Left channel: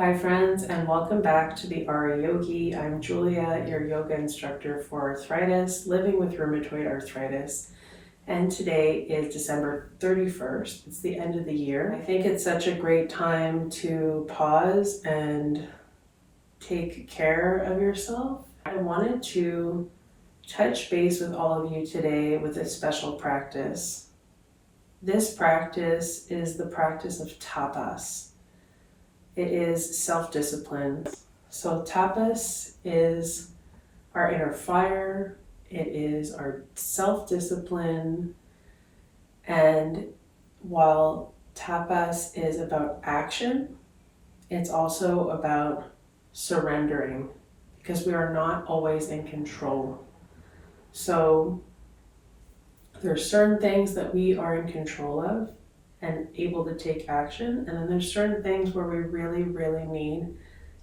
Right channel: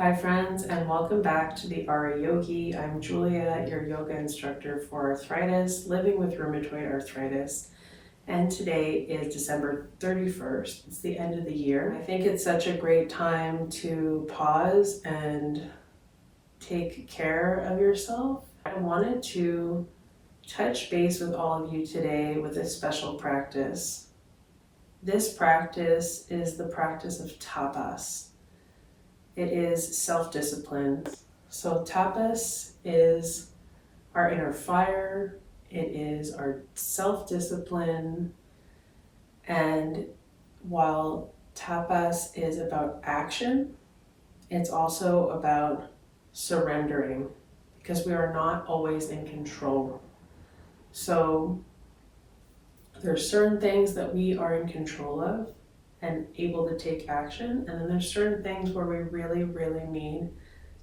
Hi friends, and welcome back to the RA Yogi. I'm Julia, your yoga instructor for arthritis, living with rheumatoid arthritis. And today is December 31st. It's the end of the year. I think it's such a great time to pause and take care of yourself. I wanted to touch base with all of you today with a special practice. This practice is the practice of tapas. It is self-discipline. So tapas is our inner fire. It is our self-discipline. And while tapas is about action, it's also about surrendering because we are not always in control. So there are certain things that we are in control of and able to take action. And then there's certain things where we really, really need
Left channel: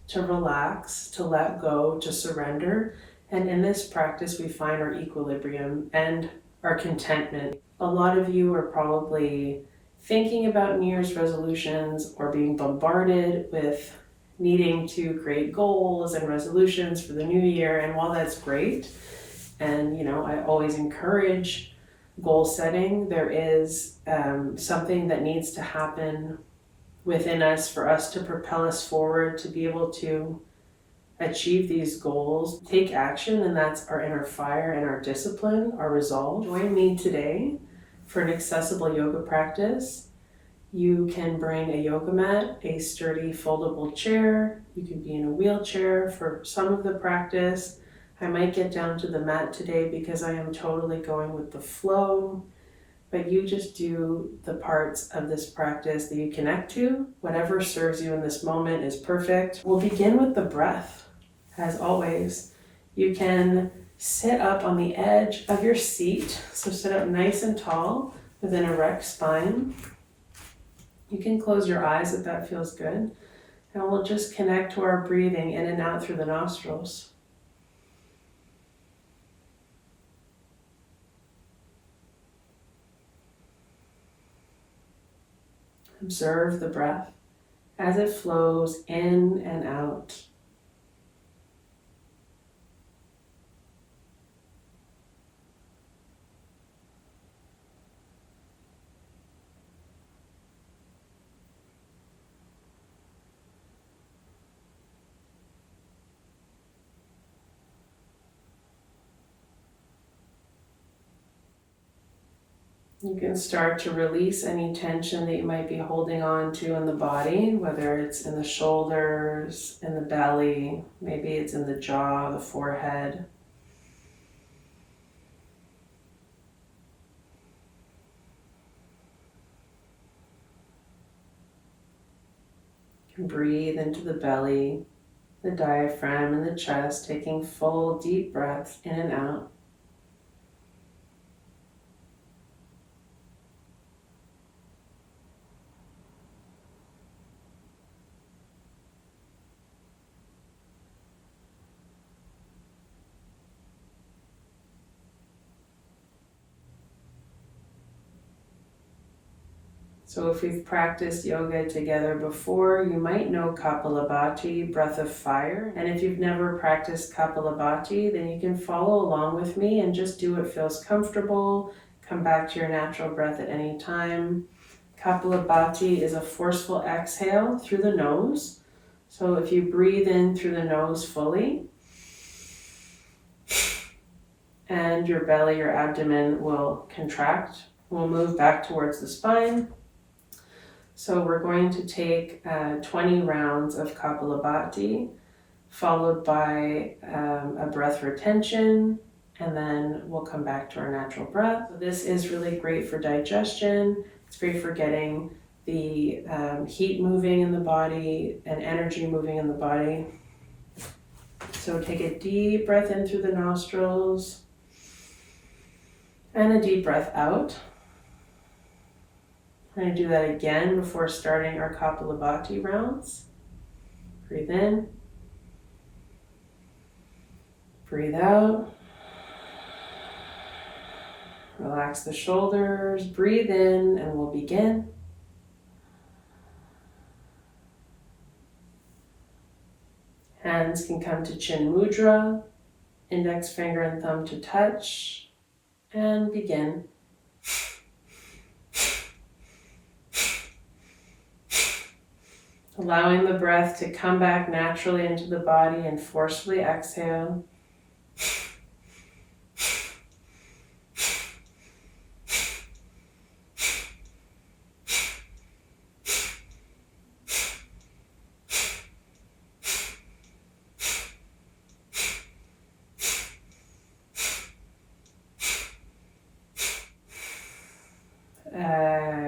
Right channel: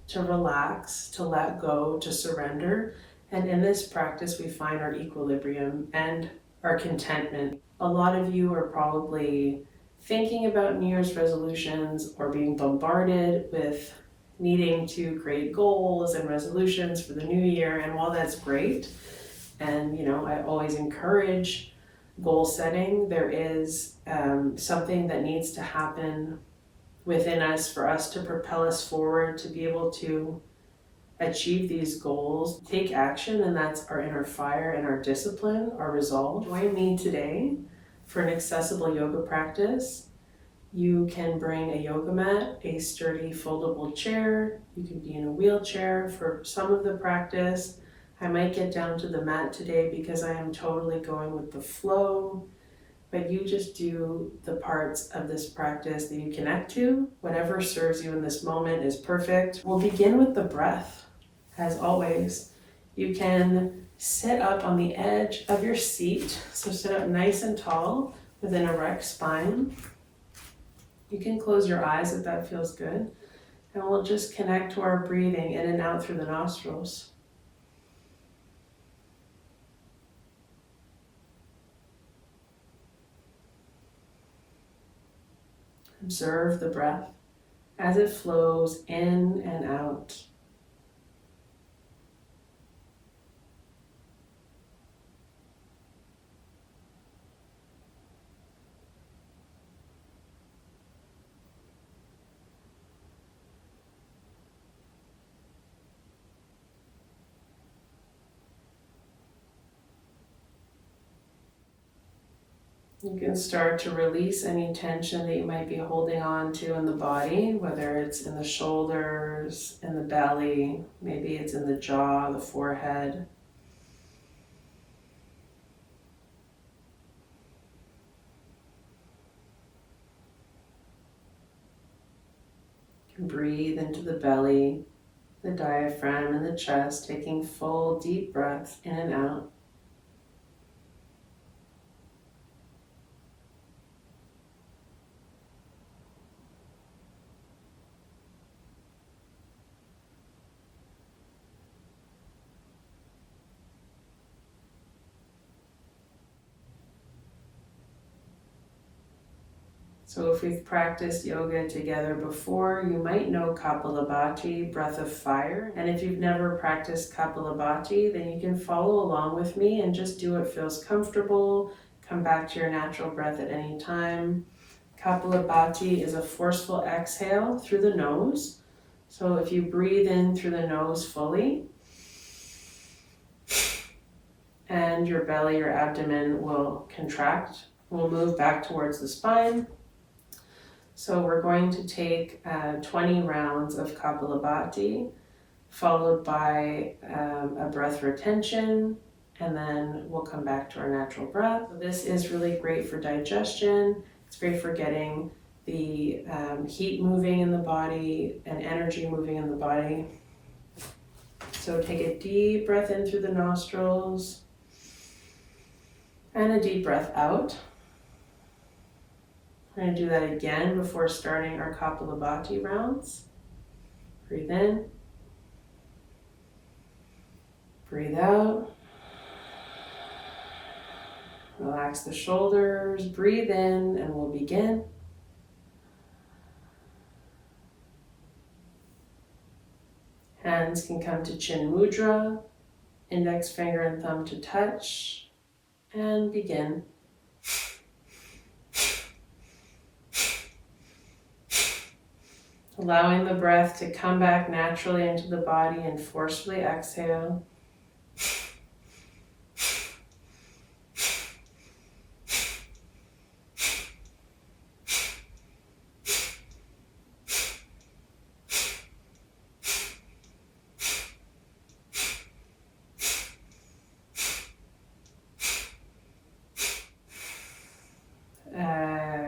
to relax, to let go, to surrender. And in this practice, we find our equilibrium and our contentment. A lot of you are probably thinking about New Year's resolutions or being bombarded with needing to create goals and resolutions for the new year. And while that's great, and I always encourage goal setting, there is something that needs to happen within us for us to propel us forward to be able to achieve these goals, take action, and that's our inner fire and our discipline, our resolve. Join me today for an accessible yoga practice. You can bring a yoga mat, a sturdy foldable chair. You can be in a wheelchair for some of the practice. I might get down to the mat today because I am totally going with the flow, but you just do the parts of this practice that you connect to. Whatever serves you in this moment is perfect. We'll begin with the breath. As always, you can sit up on the edge of your seat. So sit up nice and tall with an erect spine. You can close your eyes if that feels good. And we'll just connect to our breathing in and out through the nostrils. Observe the breath as it flows in and out. You can start to release any tension that you might be holding on to in the body, whether it's in the shoulders, in the belly, maybe it's in the jaw, the forehead. You can breathe into the belly, the diaphragm, and the chest, taking full deep breaths in and out. So if we've practiced yoga together before, you might know Kapalabhati, breath of fire. And if you've never practiced Kapalabhati, then you can follow along with me and just do what feels comfortable. Come back to your natural breath at any time. Kapalabhati is a forceful exhale through the nose. So if you breathe in through the nose fully, and your belly, your abdomen will contract. We'll move back towards the spine. So we're going to take 20 rounds of Kapalabhati, followed by a breath retention, and then we'll come back to our natural breath. This is really great for digestion. It's great for getting the heat moving in the body and energy moving in the body. So take a deep breath in through the nostrils and a deep breath out. We're going to do that again before starting our Kapalabhati rounds. Breathe in. Breathe out. Relax the shoulders. Breathe in and we'll begin. Hands can come to chin mudra, index finger and thumb to touch, and begin. Allowing the breath to come back naturally into the body and forcefully exhale.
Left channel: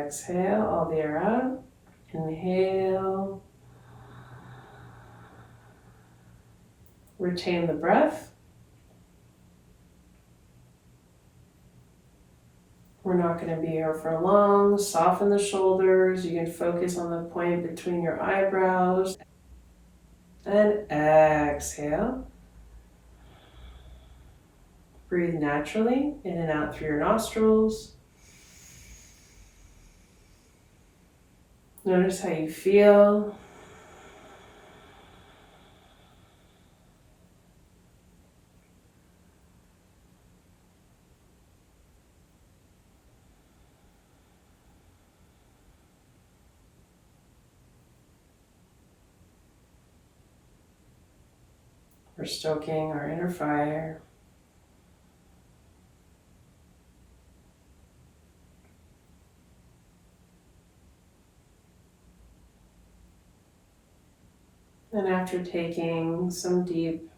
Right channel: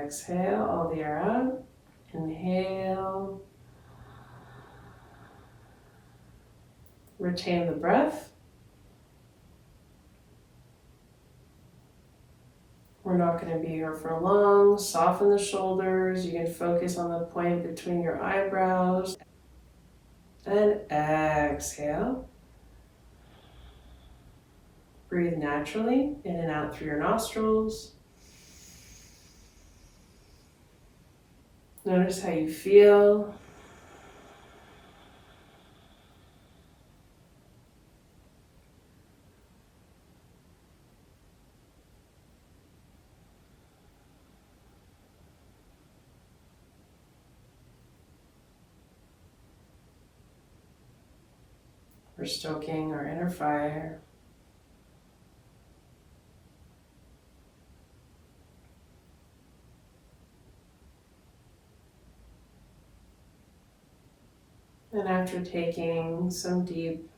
Exhale all the air out. Inhale. Retain the breath. We're not going to be here for long. Soften the shoulders. You can focus on the point between your eyebrows. And exhale. Breathe naturally in and out through your nostrils. Notice how you feel. We're stoking our inner fire. And after taking some deep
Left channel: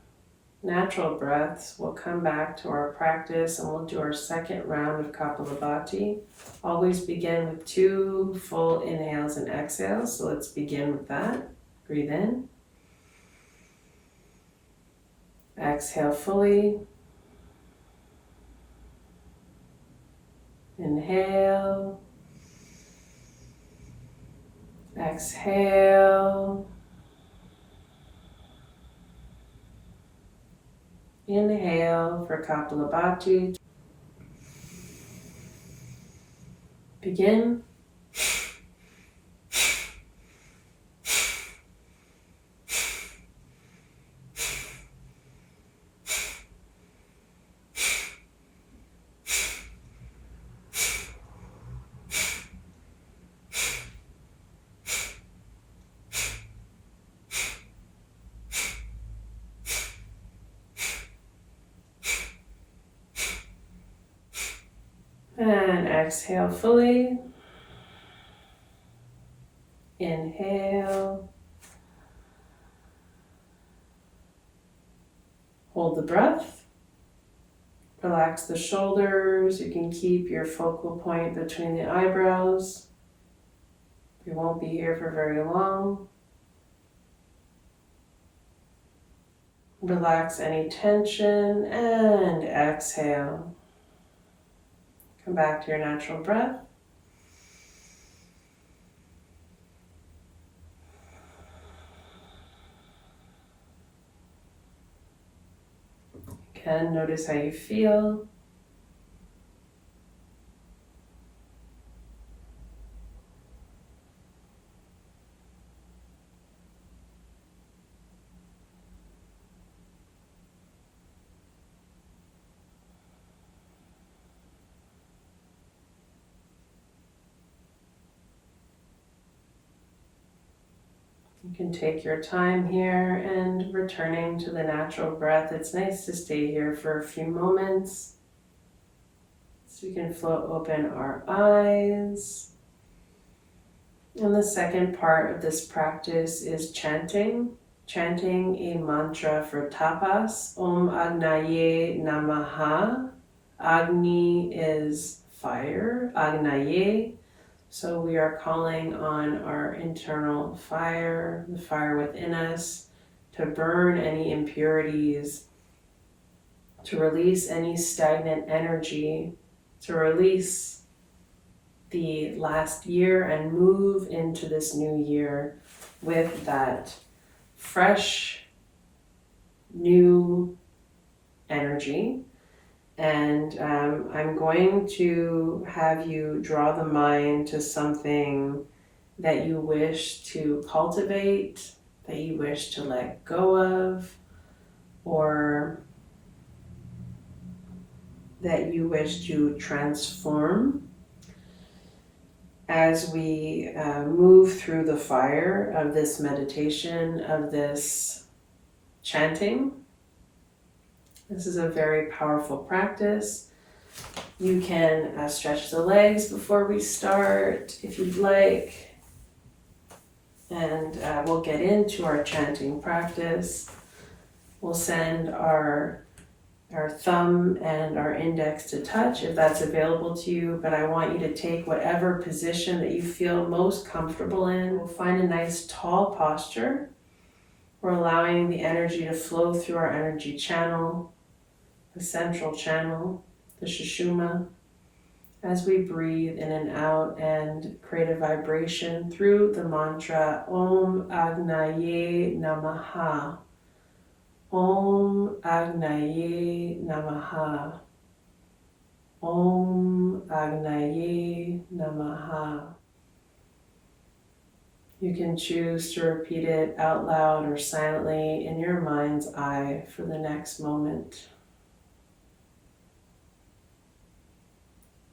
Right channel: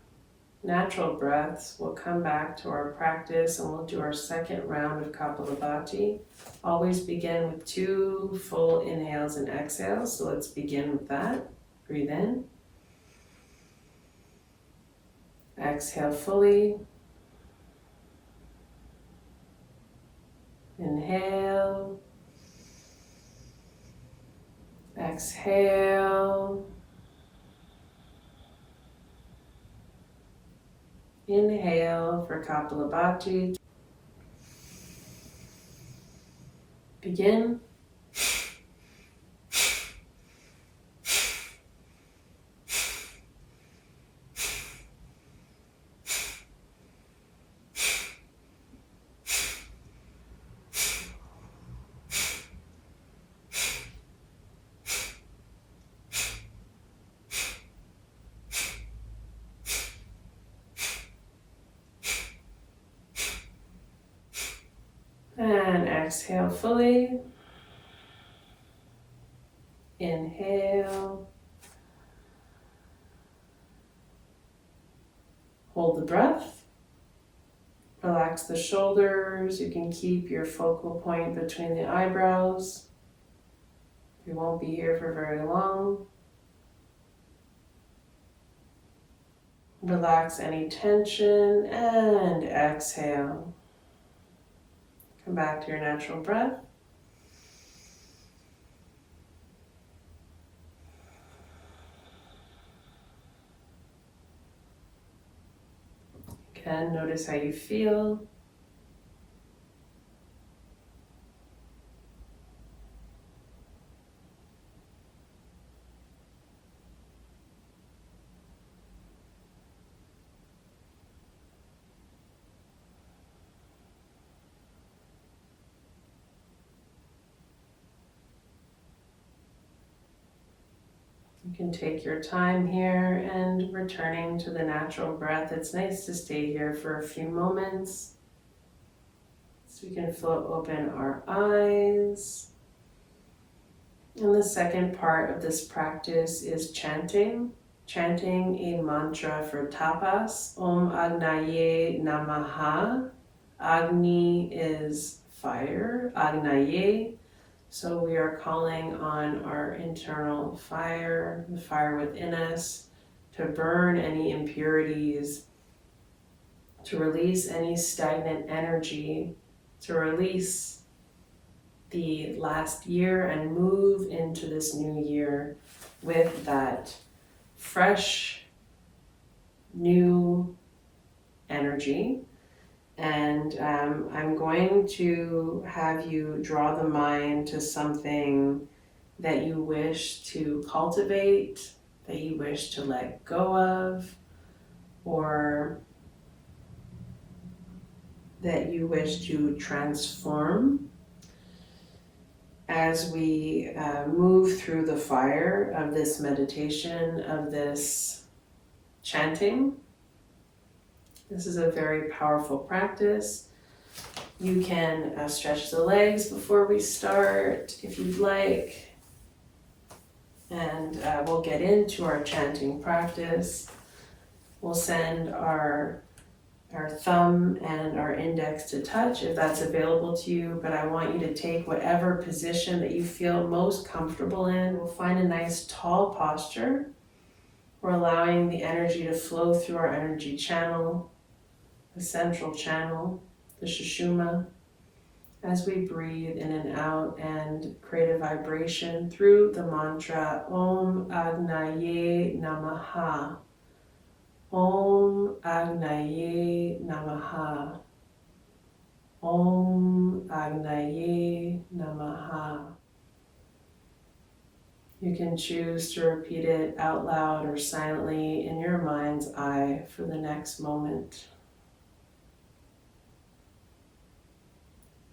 natural breaths, we'll come back to our practice and we'll do our second round of Kapalabhati. Always begin with 2 full inhales and exhales. So let's begin with that. Breathe in. Exhale fully. Inhale. Exhale. Inhale for Kapalabhati. Begin. And exhale fully. Inhale. Hold the breath. Relax the shoulders. You can keep your focal point between the eyebrows. We won't be here for very long. Relax any tension and exhale. Come back to your natural breath. Again, notice how you feel. You can take your time here and returning to the natural breath. It's nice to stay here for a few moments. So we can float open our eyes. And the second part of this practice is chanting. Chanting a mantra for tapas. Om Agnaye Namaha. Agni is fire. Agnaye. So we are calling on our internal fire, the fire within us, to burn any impurities, to release any stagnant energy, to release the last year and move into this new year with that fresh, new energy. And I'm going to have you draw the mind to something that you wish to cultivate, that you wish to let go of, or that you wish to transform. As we move through the fire of this meditation, of this chanting, this is a very powerful practice. You can stretch the legs before we start if you'd like, and we'll get into our chanting practice. We'll send our thumb and our index to touch if that's available to you, but I want you to take whatever position that you feel most comfortable in. We'll find a nice tall posture. We're allowing the energy to flow through our energy channel, the central channel, the Sushumna, as we breathe in and out and create a vibration through the mantra Om Agnaye Namaha. Om Agnaye Namaha. Om Agnaye Namaha. You can choose to repeat it out loud or silently in your mind's eye for the next moment.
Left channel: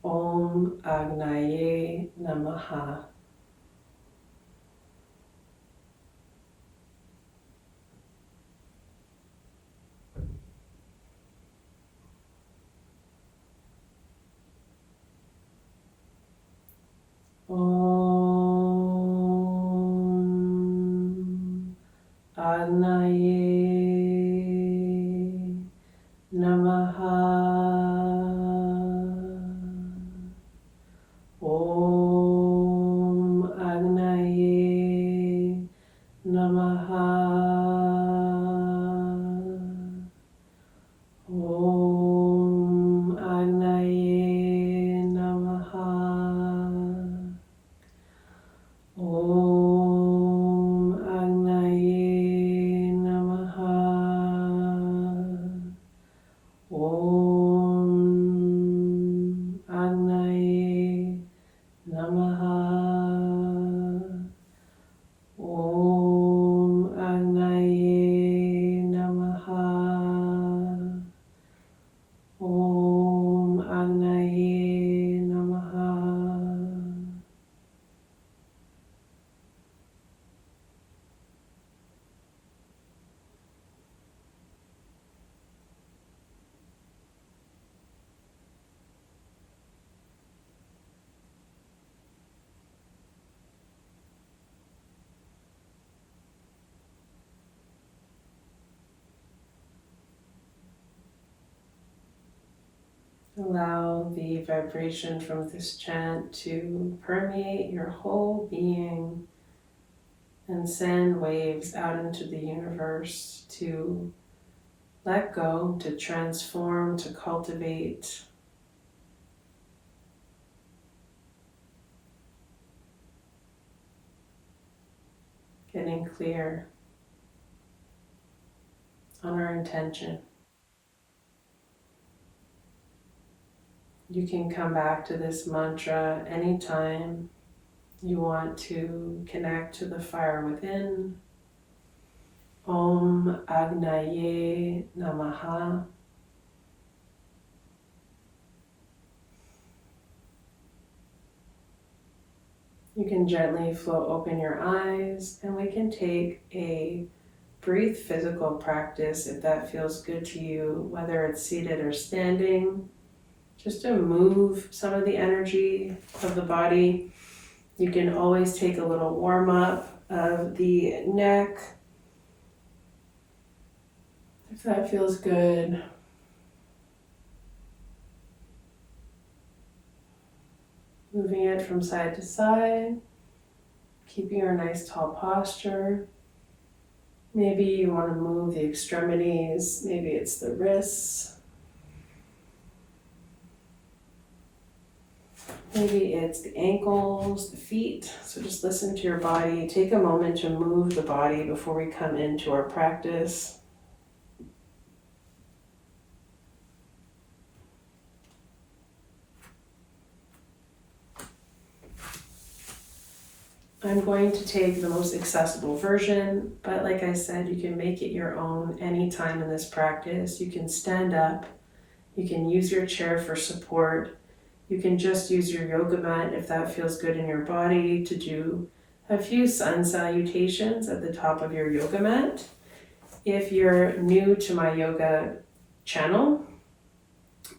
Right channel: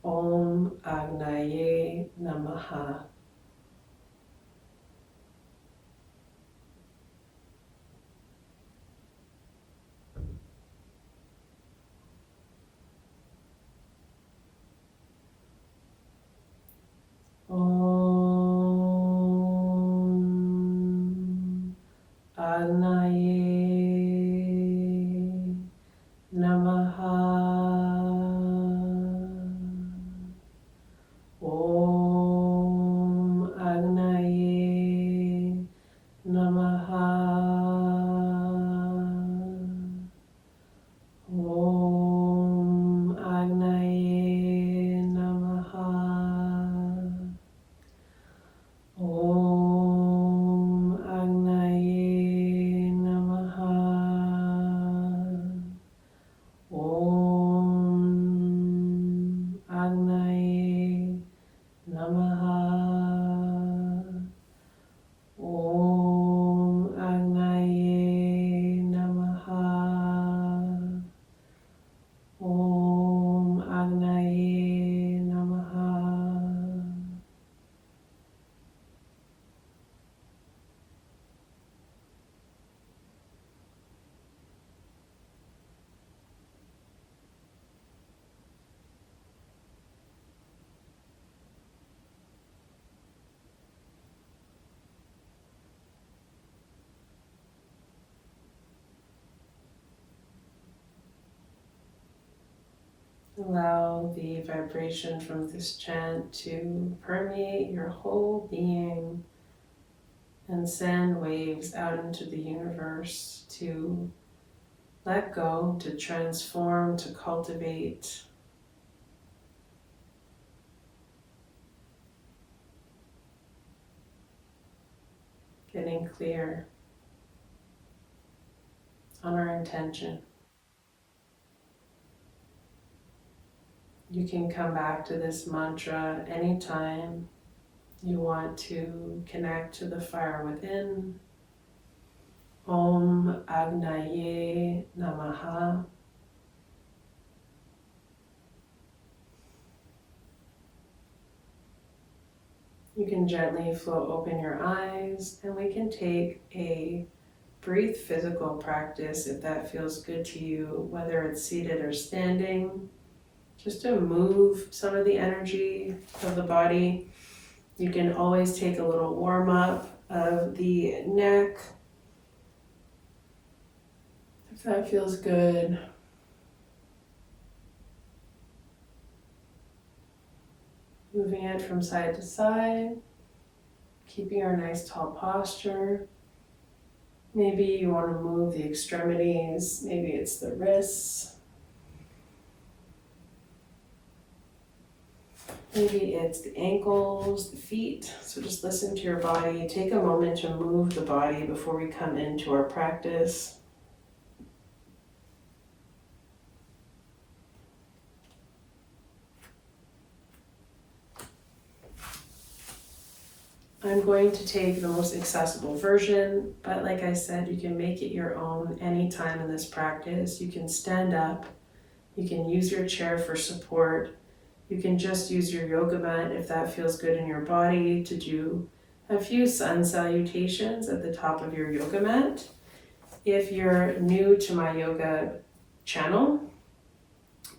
Om Agnaye Namaha. Om Agnaye Namaha. Om Agnaye Namaha. Om Agnaye Namaha. Om Agnaye Namaha. Om Agnaye Namaha. Om Agnaye Namaha. Om Agnaye Namaha. Allow the vibration from this chant to permeate your whole being and send waves out into the universe to let go, to transform, to cultivate. Getting clear on our intention. You can come back to this mantra anytime you want to connect to the fire within. Om Agnaye Namaha. You can gently float open your eyes, and we can take a brief physical practice if that feels good to you, whether it's seated or standing. Just to move some of the energy of the body. You can always take a little warm up of the neck, if that feels good. Moving it from side to side, keeping our nice tall posture. Maybe you want to move the extremities, maybe it's the wrists. Maybe it's the ankles, the feet. So just listen to your body. Take a moment to move the body before we come into our practice. I'm going to take the most accessible version, but like I said, you can make it your own anytime in this practice. You can stand up, you can use your chair for support, you can just use your yoga mat if that feels good in your body to do a few sun salutations at the top of your yoga mat. If you're new to my yoga channel,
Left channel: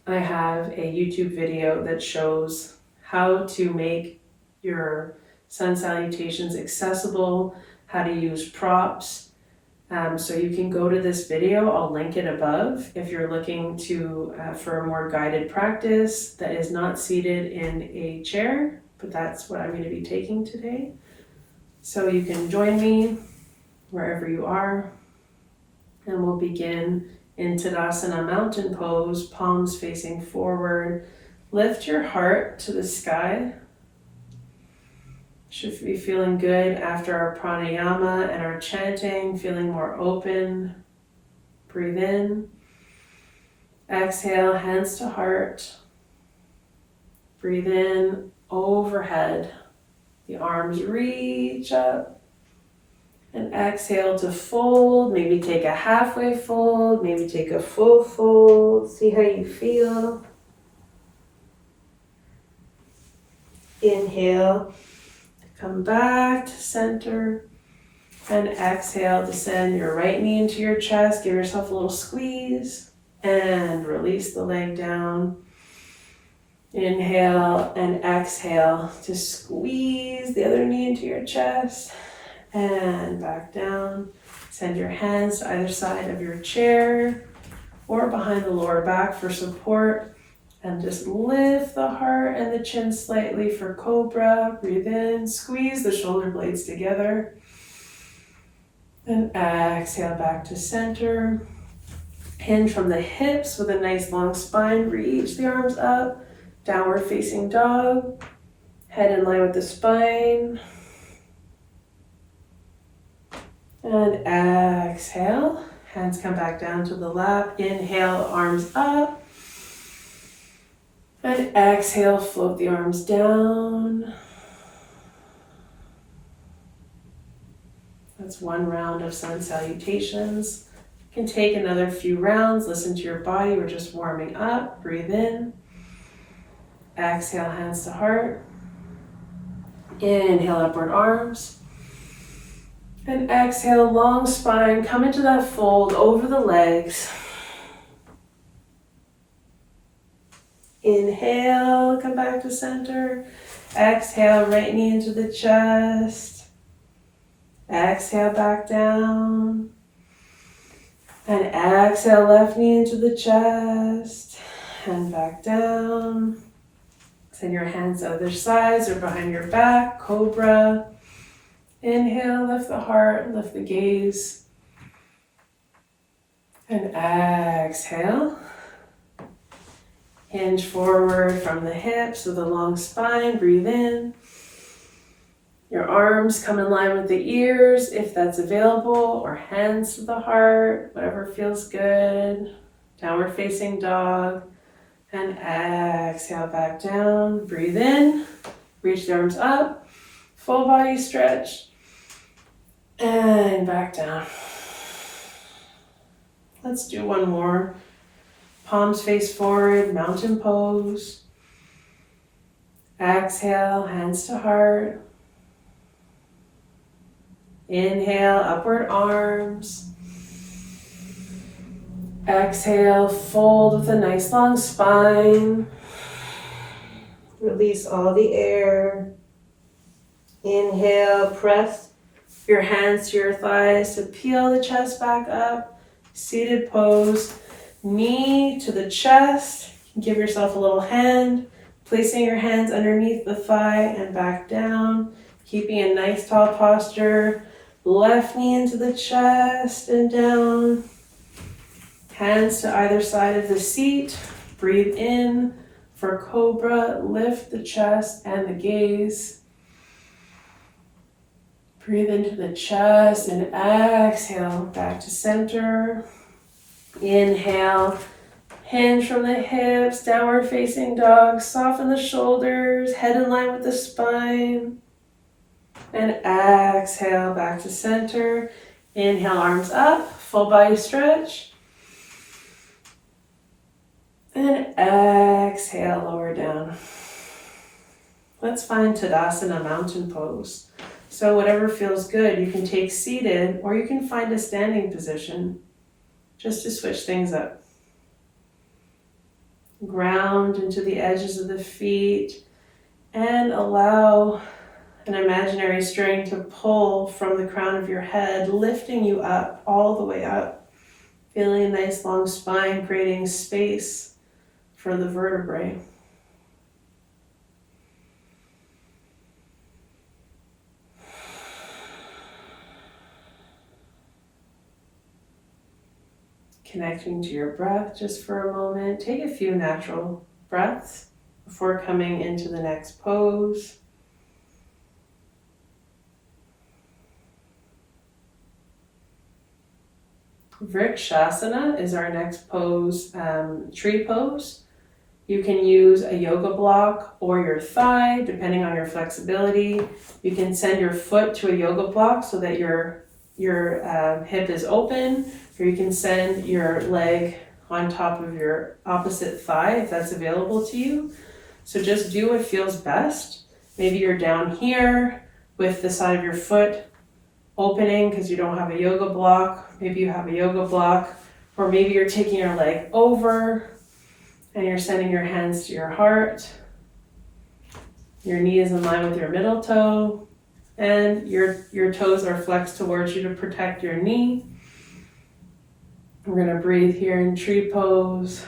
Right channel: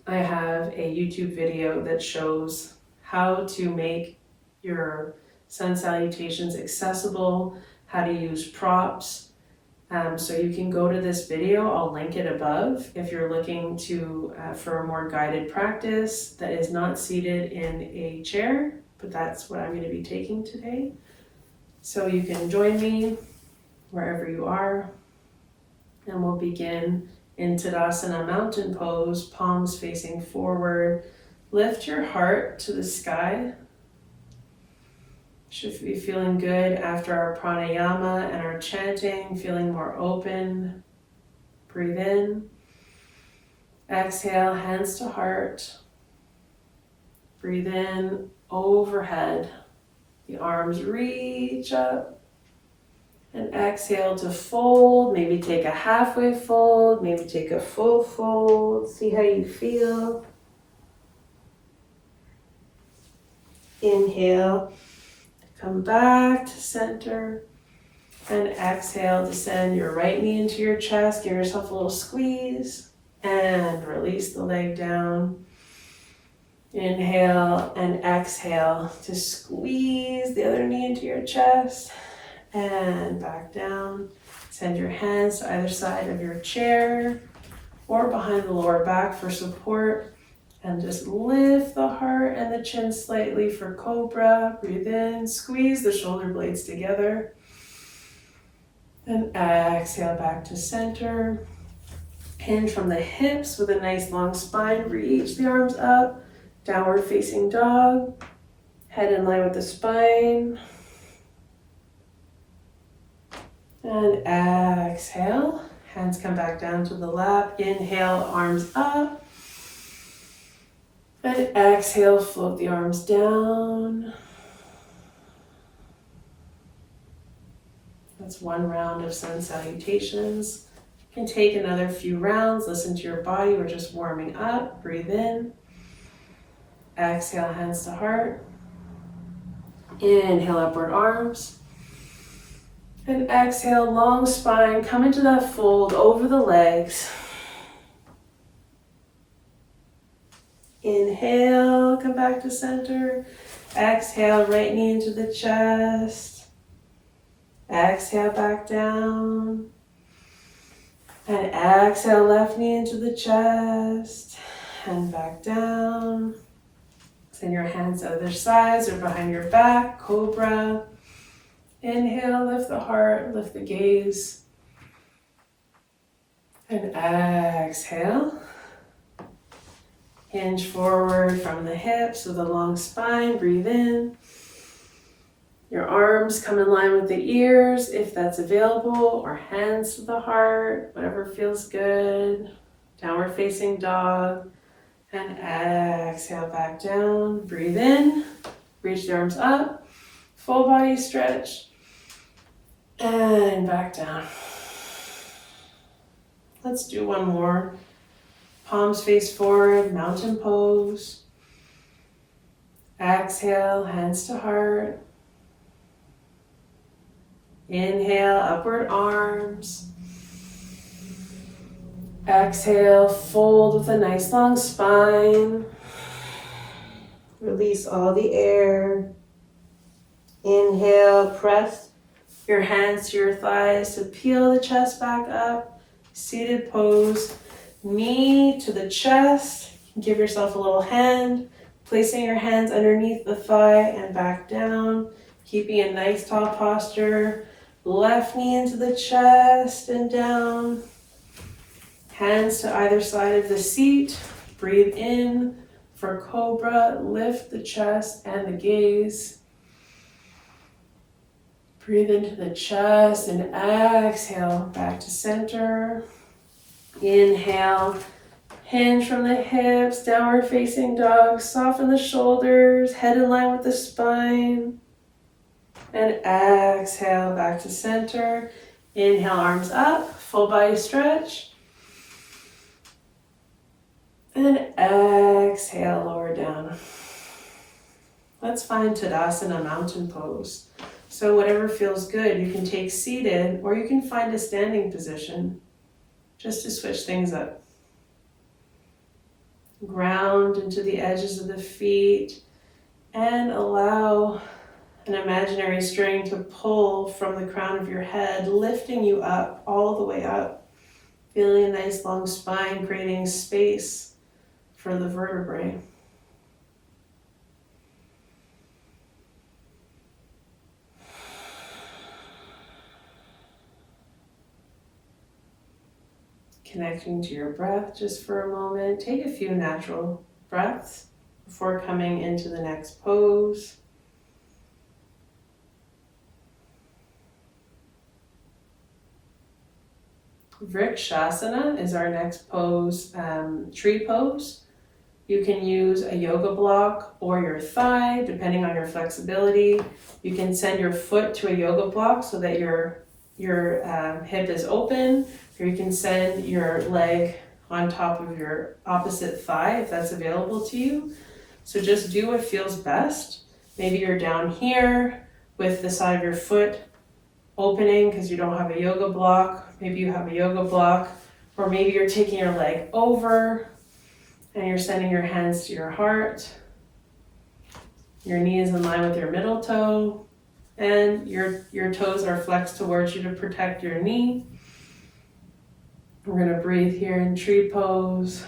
I have a YouTube video that shows how to make your sun salutations accessible, how to use props. So you can go to this video, I'll link it above if you're looking to for a more guided practice that is not seated in a chair, but that's what I'm going to be taking today. So you can join me wherever you are, and we'll begin in Tadasana mountain pose, palms facing forward. Lift your heart to the sky. Should be feeling good after our pranayama and our chanting, feeling more open. Breathe in. Exhale, hands to heart. Breathe in, overhead. The arms reach up. And exhale to fold. Maybe take a halfway fold, maybe take a full fold. See how you feel. Inhale. Come back to center, and exhale, descend your right knee into your chest, give yourself a little squeeze, and release the leg down. Inhale and exhale to squeeze the other knee into your chest, and back down. Send your hands to either side of your chair or behind the lower back for support. And just lift the heart and the chin slightly for cobra. Breathe in, squeeze the shoulder blades together. And exhale back to center. Hinge from the hips with a nice long spine. Reach the arms up. Downward facing dog. Head in line with the spine. And exhale. Hands come back down to the lap. Inhale, arms up. And exhale, float the arms down. That's one round of sun salutations. You can take another few rounds. Listen to your body. We're just warming up. Breathe in. Exhale, hands to heart. Inhale, upward arms. And exhale, long spine. Come into that fold over the legs. Inhale, come back to center. Exhale, right knee into the chest. Exhale, back down. And exhale, left knee into the chest. And back down. Send your hands to other sides or behind your back, cobra. Inhale, lift the heart, lift the gaze. And exhale. Hinge forward from the hips with a long spine. Breathe in. Your arms come in line with the ears if that's available, or hands to the heart, whatever feels good. Downward facing dog. And exhale back down. Breathe in. Reach the arms up. Full body stretch. And back down. Let's do one more. Palms face forward, mountain pose. Exhale, hands to heart. Inhale, upward arms. Exhale, fold with a nice long spine. Release all the air. Inhale, press your hands to your thighs to peel the chest back up. Seated pose. Knee to the chest. Give yourself a little hand. Placing your hands underneath the thigh and back down. Keeping a nice tall posture. Left knee into the chest and down. Hands to either side of the seat. Breathe in for cobra. Lift the chest and the gaze. Breathe into the chest and exhale back to center. Inhale, hinge from the hips, downward facing dog. Soften the shoulders, head in line with the spine. And exhale back to center. Inhale, arms up, full body stretch. And exhale, lower down. Let's find Tadasana, mountain pose. So whatever feels good, you can take seated or you can find a standing position just to switch things up. Ground into the edges of the feet and allow an imaginary string to pull from the crown of your head, lifting you up, all the way up. Feeling a nice long spine, creating space for the vertebrae. Connecting to your breath just for a moment. Take a few natural breaths before coming into the next pose. Vrikshasana is our next pose, tree pose. You can use a yoga block or your thigh, depending on your flexibility. You can send your foot to a yoga block so that your hip is open, or you can send your leg on top of your opposite thigh if that's available to you. So just do what feels best. Maybe you're down here with the side of your foot opening because you don't have a yoga block. Maybe you have a yoga block, or maybe you're taking your leg over and you're sending your hands to your heart. Your knee is in line with your middle toe, and your toes are flexed towards you to protect your knee. We're going to breathe here in tree pose.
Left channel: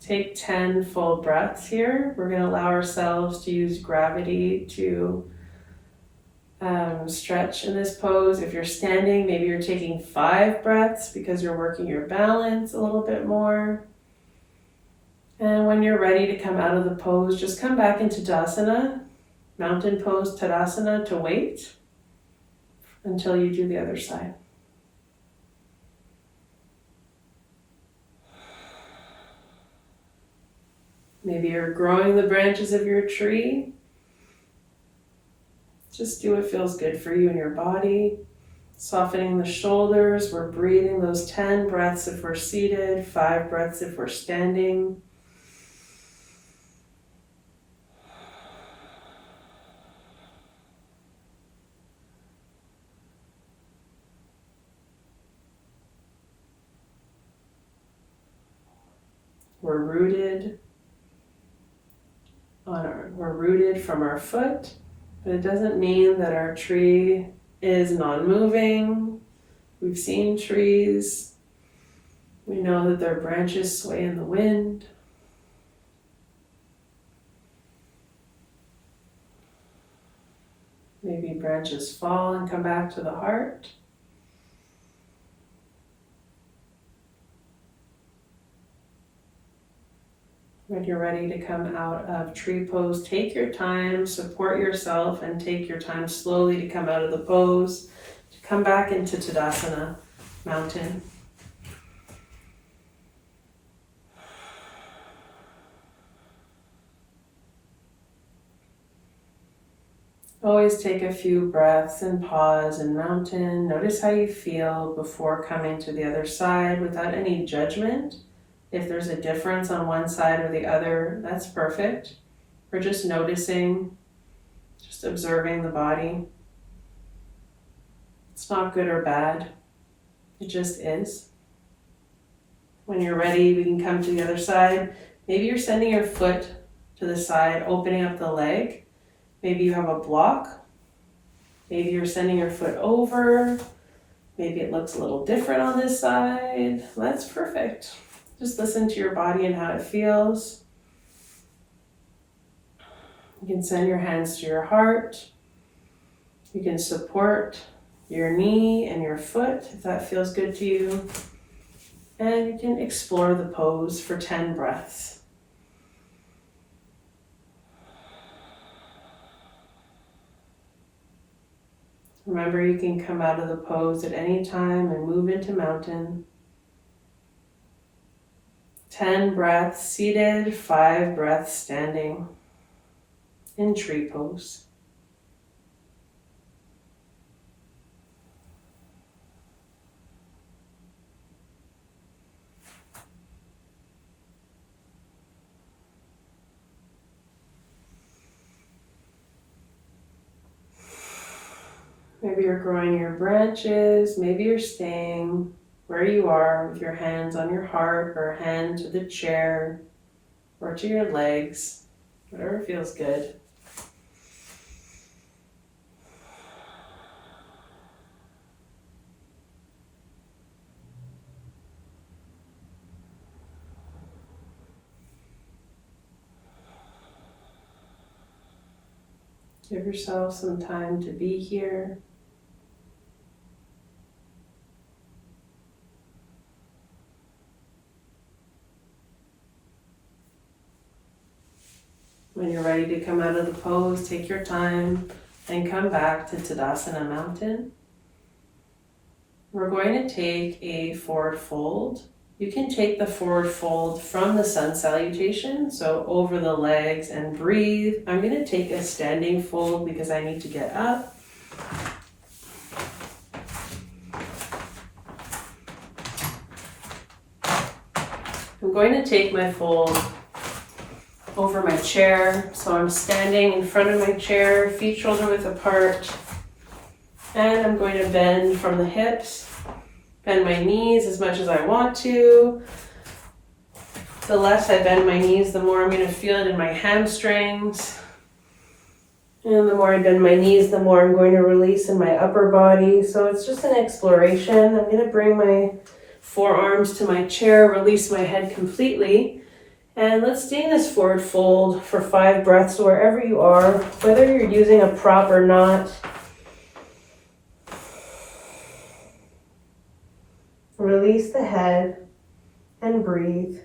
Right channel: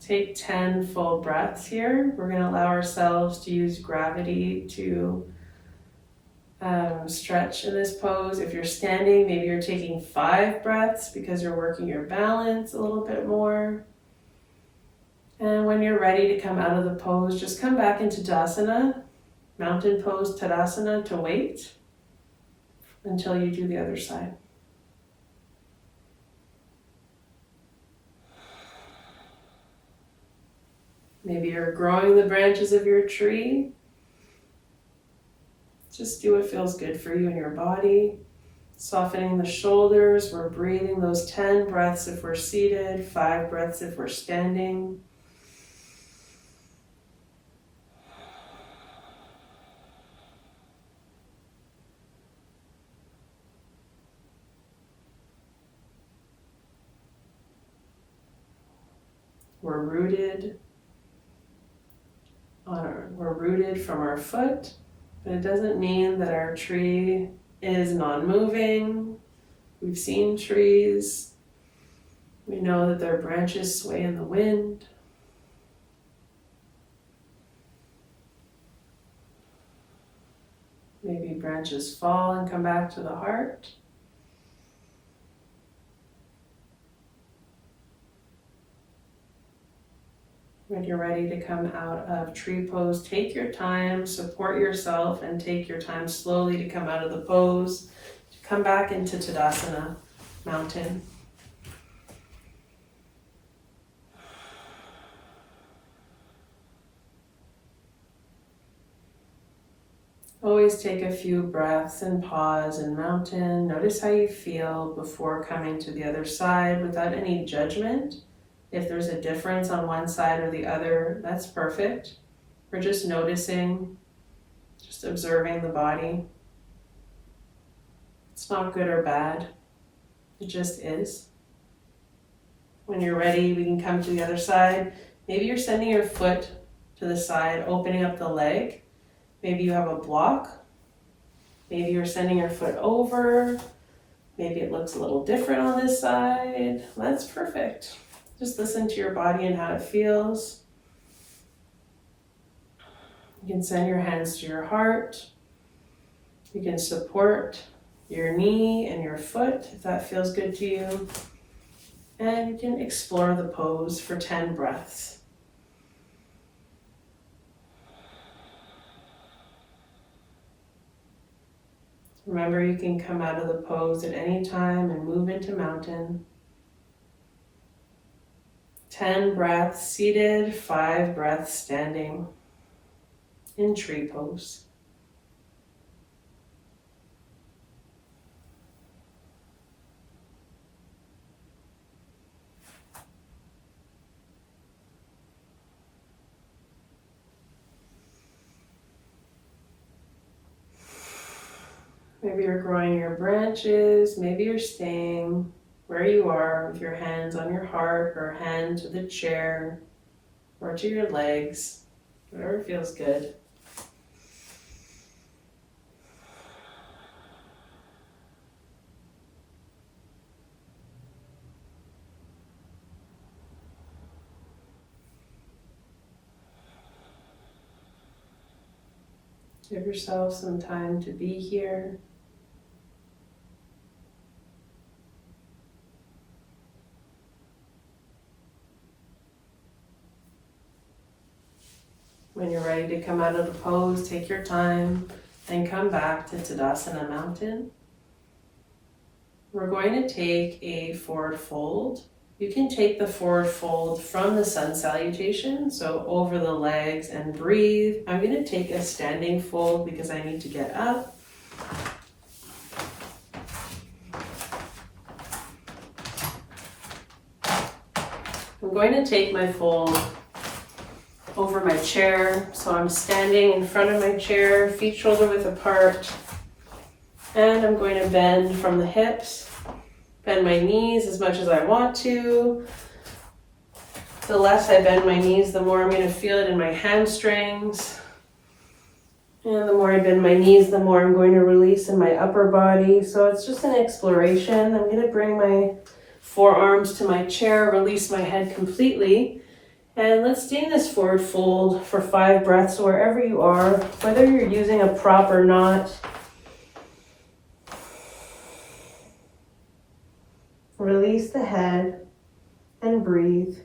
Take 10 full breaths here. We're going to allow ourselves to use gravity to stretch in this pose. If you're standing, maybe you're taking 5 breaths because you're working your balance a little bit more. And when you're ready to come out of the pose, just come back into Tadasana, mountain pose Tadasana, to wait until you do the other side. Maybe you're growing the branches of your tree. Just do what feels good for you in your body. Softening the shoulders. We're breathing those 10 breaths if we're seated, 5 breaths if we're standing. We're rooted from our foot, but it doesn't mean that our tree is non-moving. We've seen trees. We know that their branches sway in the wind. Maybe branches fall and come back to the heart. When you're ready to come out of tree pose, take your time, support yourself, and take your time slowly to come out of the pose, to come back into Tadasana, mountain. Always take a few breaths and pause in mountain. Notice how you feel before coming to the other side without any judgment. If there's a difference on one side or the other, that's perfect. We're just noticing, just observing the body. It's not good or bad. It just is. When you're ready, we can come to the other side. Maybe you're sending your foot to the side, opening up the leg. Maybe you have a block. Maybe you're sending your foot over. Maybe it looks a little different on this side. That's perfect. Just listen to your body and how it feels. You can send your hands to your heart. You can support your knee and your foot if that feels good to you. And you can explore the pose for 10 breaths. Remember, you can come out of the pose at any time and move into mountain. 10 breaths seated, 5 breaths standing. in tree pose. Maybe you're growing your branches, maybe you're staying where you are with your hands on your heart or a hand to the chair or to your legs, whatever feels good. Give yourself some time to be here. When you're ready to come out of the pose, take your time and come back to Tadasana Mountain. We're going to take a forward fold. You can take the forward fold from the sun salutation, so over the legs, and breathe. I'm going to take a standing fold because I need to get up. I'm going to take my fold over my chair, so I'm standing in front of my chair, feet shoulder width apart, and I'm going to bend from the hips. Bend my knees as much as I want to. The less I bend my knees, the more I'm going to feel it in my hamstrings. And the more I bend my knees, the more I'm going to release in my upper body. So it's just an exploration. I'm going to bring my forearms to my chair, release my head completely. And let's stay in this forward fold for 5 breaths wherever you are, whether you're using a prop or not. Release the head and breathe.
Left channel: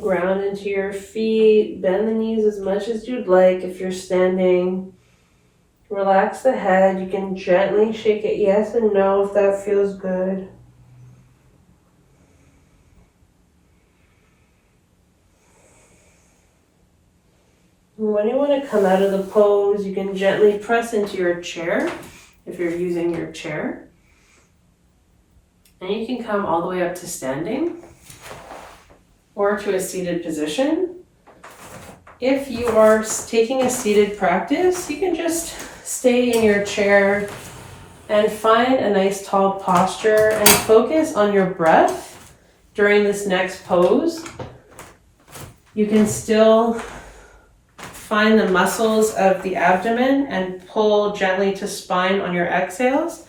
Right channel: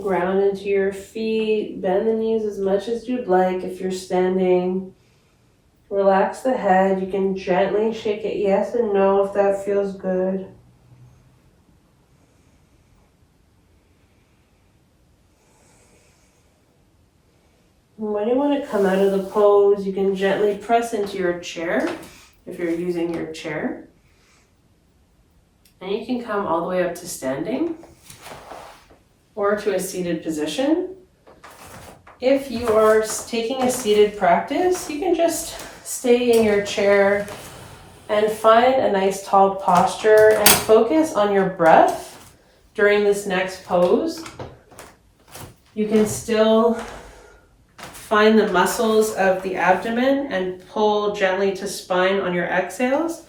Ground into your feet, bend the knees as much as you'd like if you're standing. Relax the head. You can gently shake it yes and no if that feels good. And when you want to come out of the pose, you can gently press into your chair if you're using your chair. And you can come all the way up to standing or to a seated position. If you are taking a seated practice, you can just stay in your chair and find a nice tall posture and focus on your breath during this next pose. You can still find the muscles of the abdomen and pull gently to spine on your exhales.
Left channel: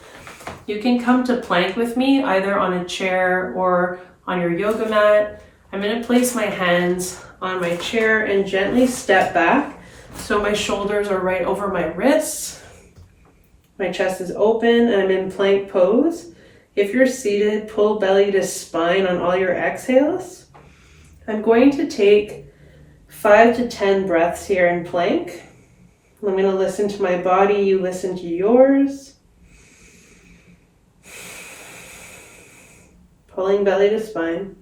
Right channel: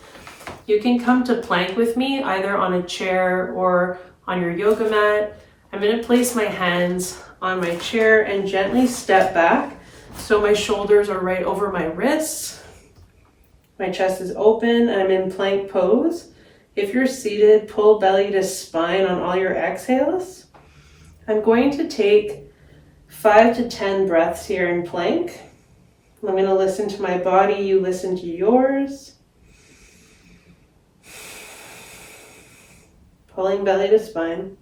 You can come to plank with me either on a chair or on your yoga mat. I'm going to place my hands on my chair and gently step back so my shoulders are right over my wrists. My chest is open and I'm in plank pose. If you're seated, pull belly to spine on all your exhales. I'm going to take 5 to 10 breaths here in plank. I'm going to listen to my body, you listen to yours. Pulling belly to spine.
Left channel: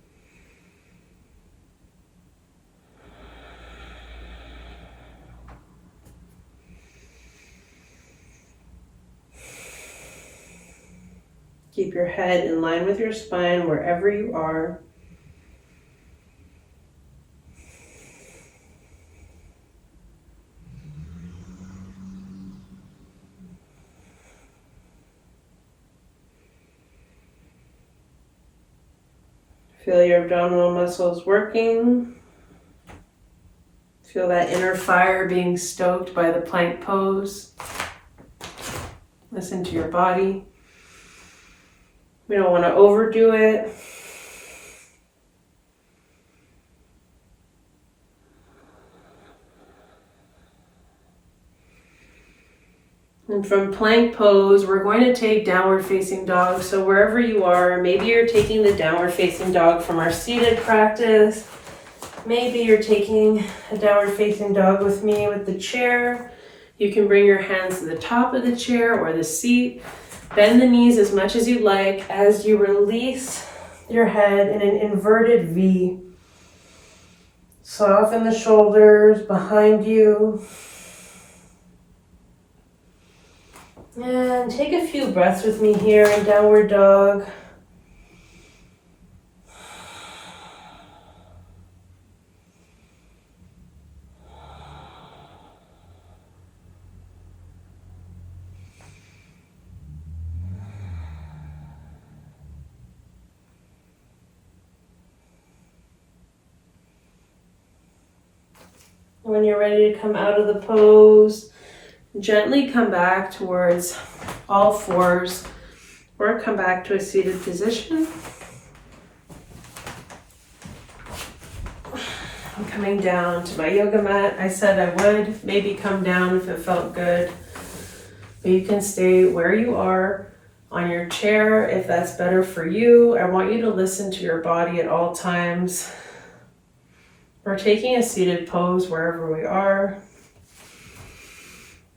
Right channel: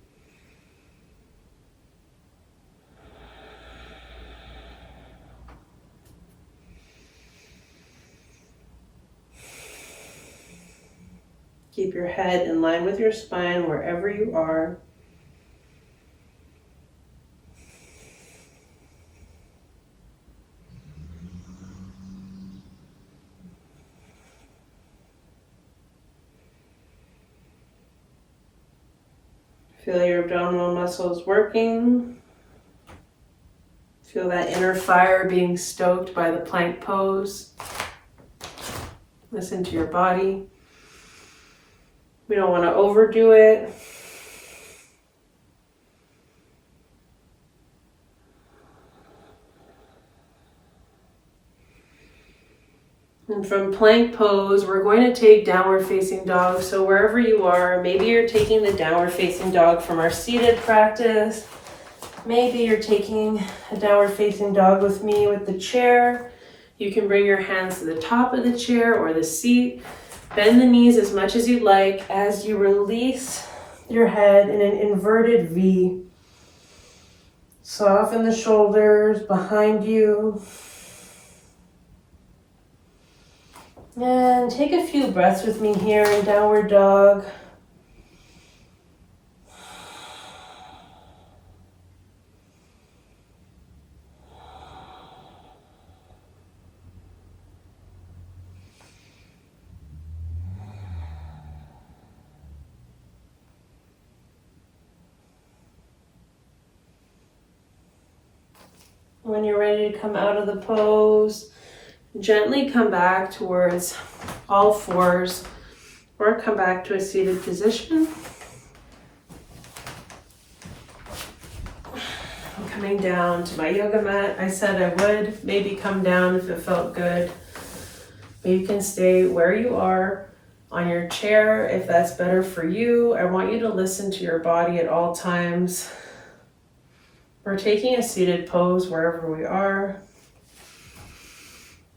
Keep your head in line with your spine wherever you are. Feel your abdominal muscles working. Feel that inner fire being stoked by the plank pose. Listen to your body. We don't want to overdo it. And from plank pose, we're going to take downward facing dog. So wherever you are, maybe you're taking the downward facing dog from our seated practice. Maybe you're taking a downward facing dog with me with the chair. You can bring your hands to the top of the chair or the seat. Bend the knees as much as you like as you release your head in an inverted V. Soften the shoulders behind you. And take a few breaths with me here in downward dog. When you're ready to come out of the pose, gently come back towards all fours or come back to a seated position. I'm coming down to my yoga mat. I said I would maybe come down if it felt good, but you can stay where you are on your chair if that's better for you. I want you to listen to your body at all times. We're taking a seated pose wherever we are.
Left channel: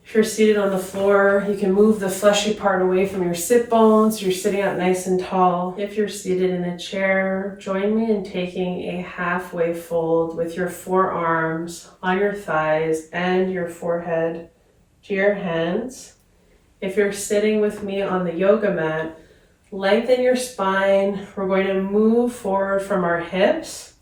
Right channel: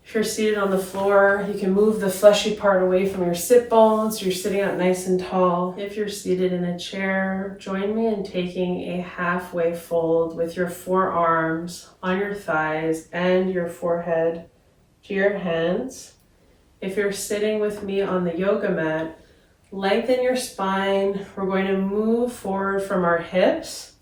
If you're seated on the floor, you can move the fleshy part away from your sit bones. So you're sitting up nice and tall. If you're seated in a chair, join me in taking a halfway fold with your forearms on your thighs and your forehead to your hands. If you're sitting with me on the yoga mat, lengthen your spine. We're going to move forward from our hips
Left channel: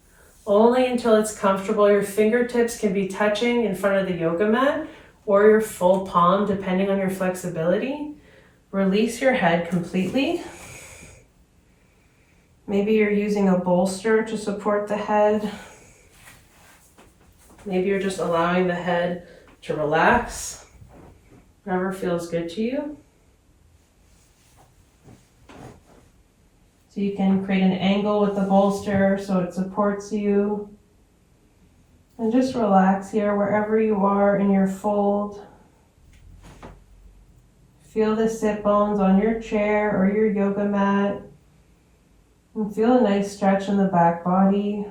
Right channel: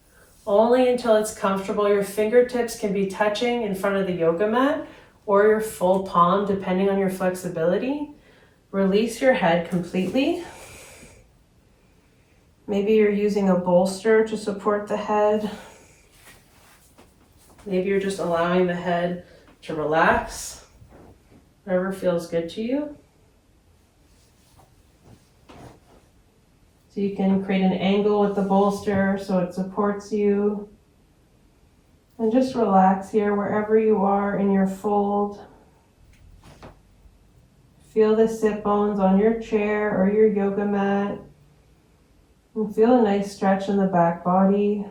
only until it's comfortable. Your fingertips can be touching in front of the yoga mat or your full palm, depending on your flexibility. Release your head completely. Maybe you're using a bolster to support the head. Maybe you're just allowing the head to relax. Whatever feels good to you. So you can create an angle with the bolster so it supports you. And just relax here wherever you are in your fold. Feel the sit bones on your chair or your yoga mat. And feel a nice stretch in the back body.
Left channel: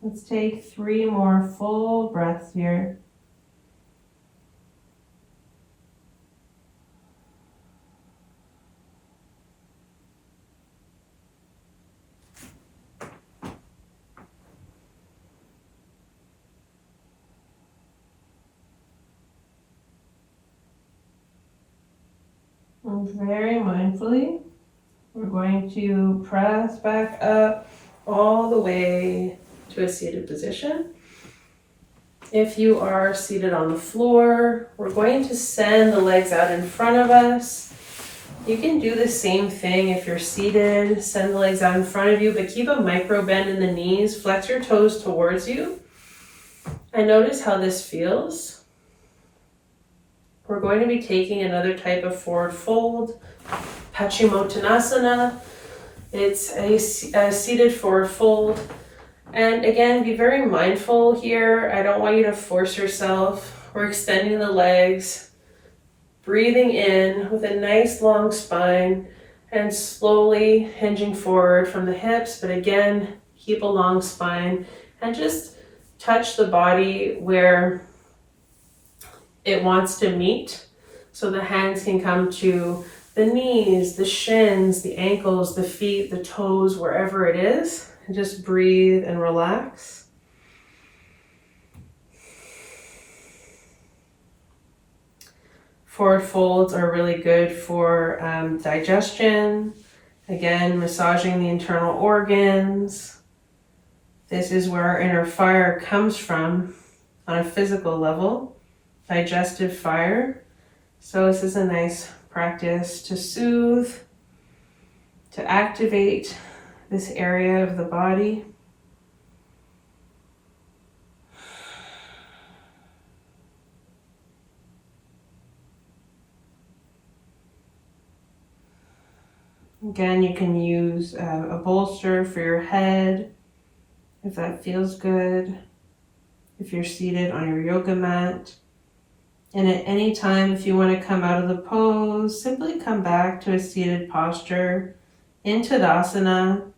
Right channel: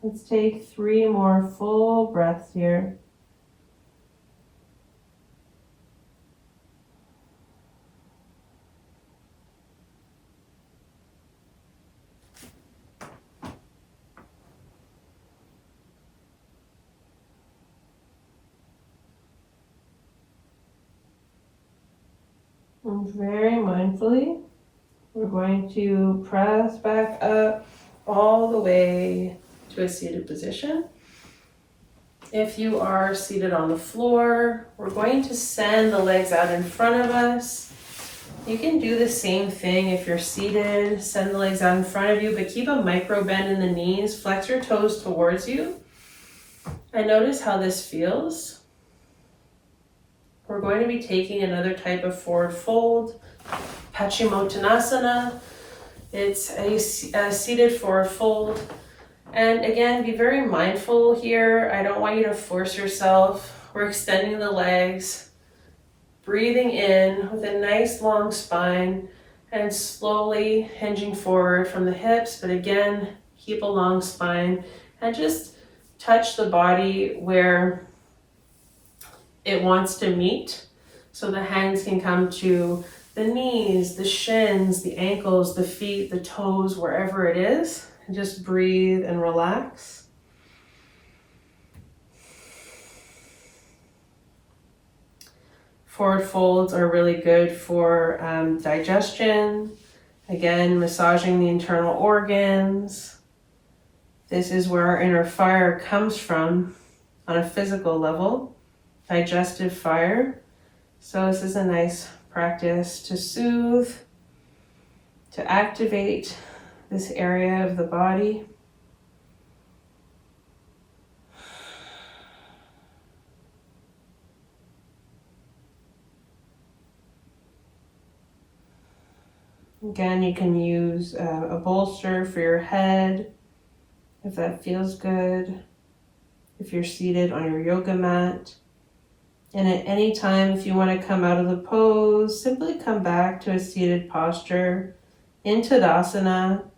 Let's take 3 more full breaths here. And very mindfully, we're going to press back up all the way to a seated position. If you are seated on the floor, we're going to send the legs out in front of us. You can do the same thing if you're seated. Send the legs out in front of you, but keep a micro bend in the knees. Flex your toes towards you. And notice how this feels. We're going to be taking another type of forward fold, Paschimottanasana. It's a seated forward fold. And again, be very mindful here. I don't want you to force yourself. We're extending the legs, breathing in with a nice long spine and slowly hinging forward from the hips. But again, keep a long spine and just touch the body where it wants to meet. So the hands can come to the knees, the shins, the ankles, the feet, the toes, wherever it is. And just breathe and relax. Forward folds are really good for digestion. Again, massaging the internal organs. This is where our inner fire comes from on a physical level. Digestive fire. So this is a nice practice to soothe, to activate this area of the body. Again, you can use a bolster for your head if that feels good. If you're seated on your yoga mat. And at any time, if you want to come out of the pose, simply come back to a seated posture in Tadasana,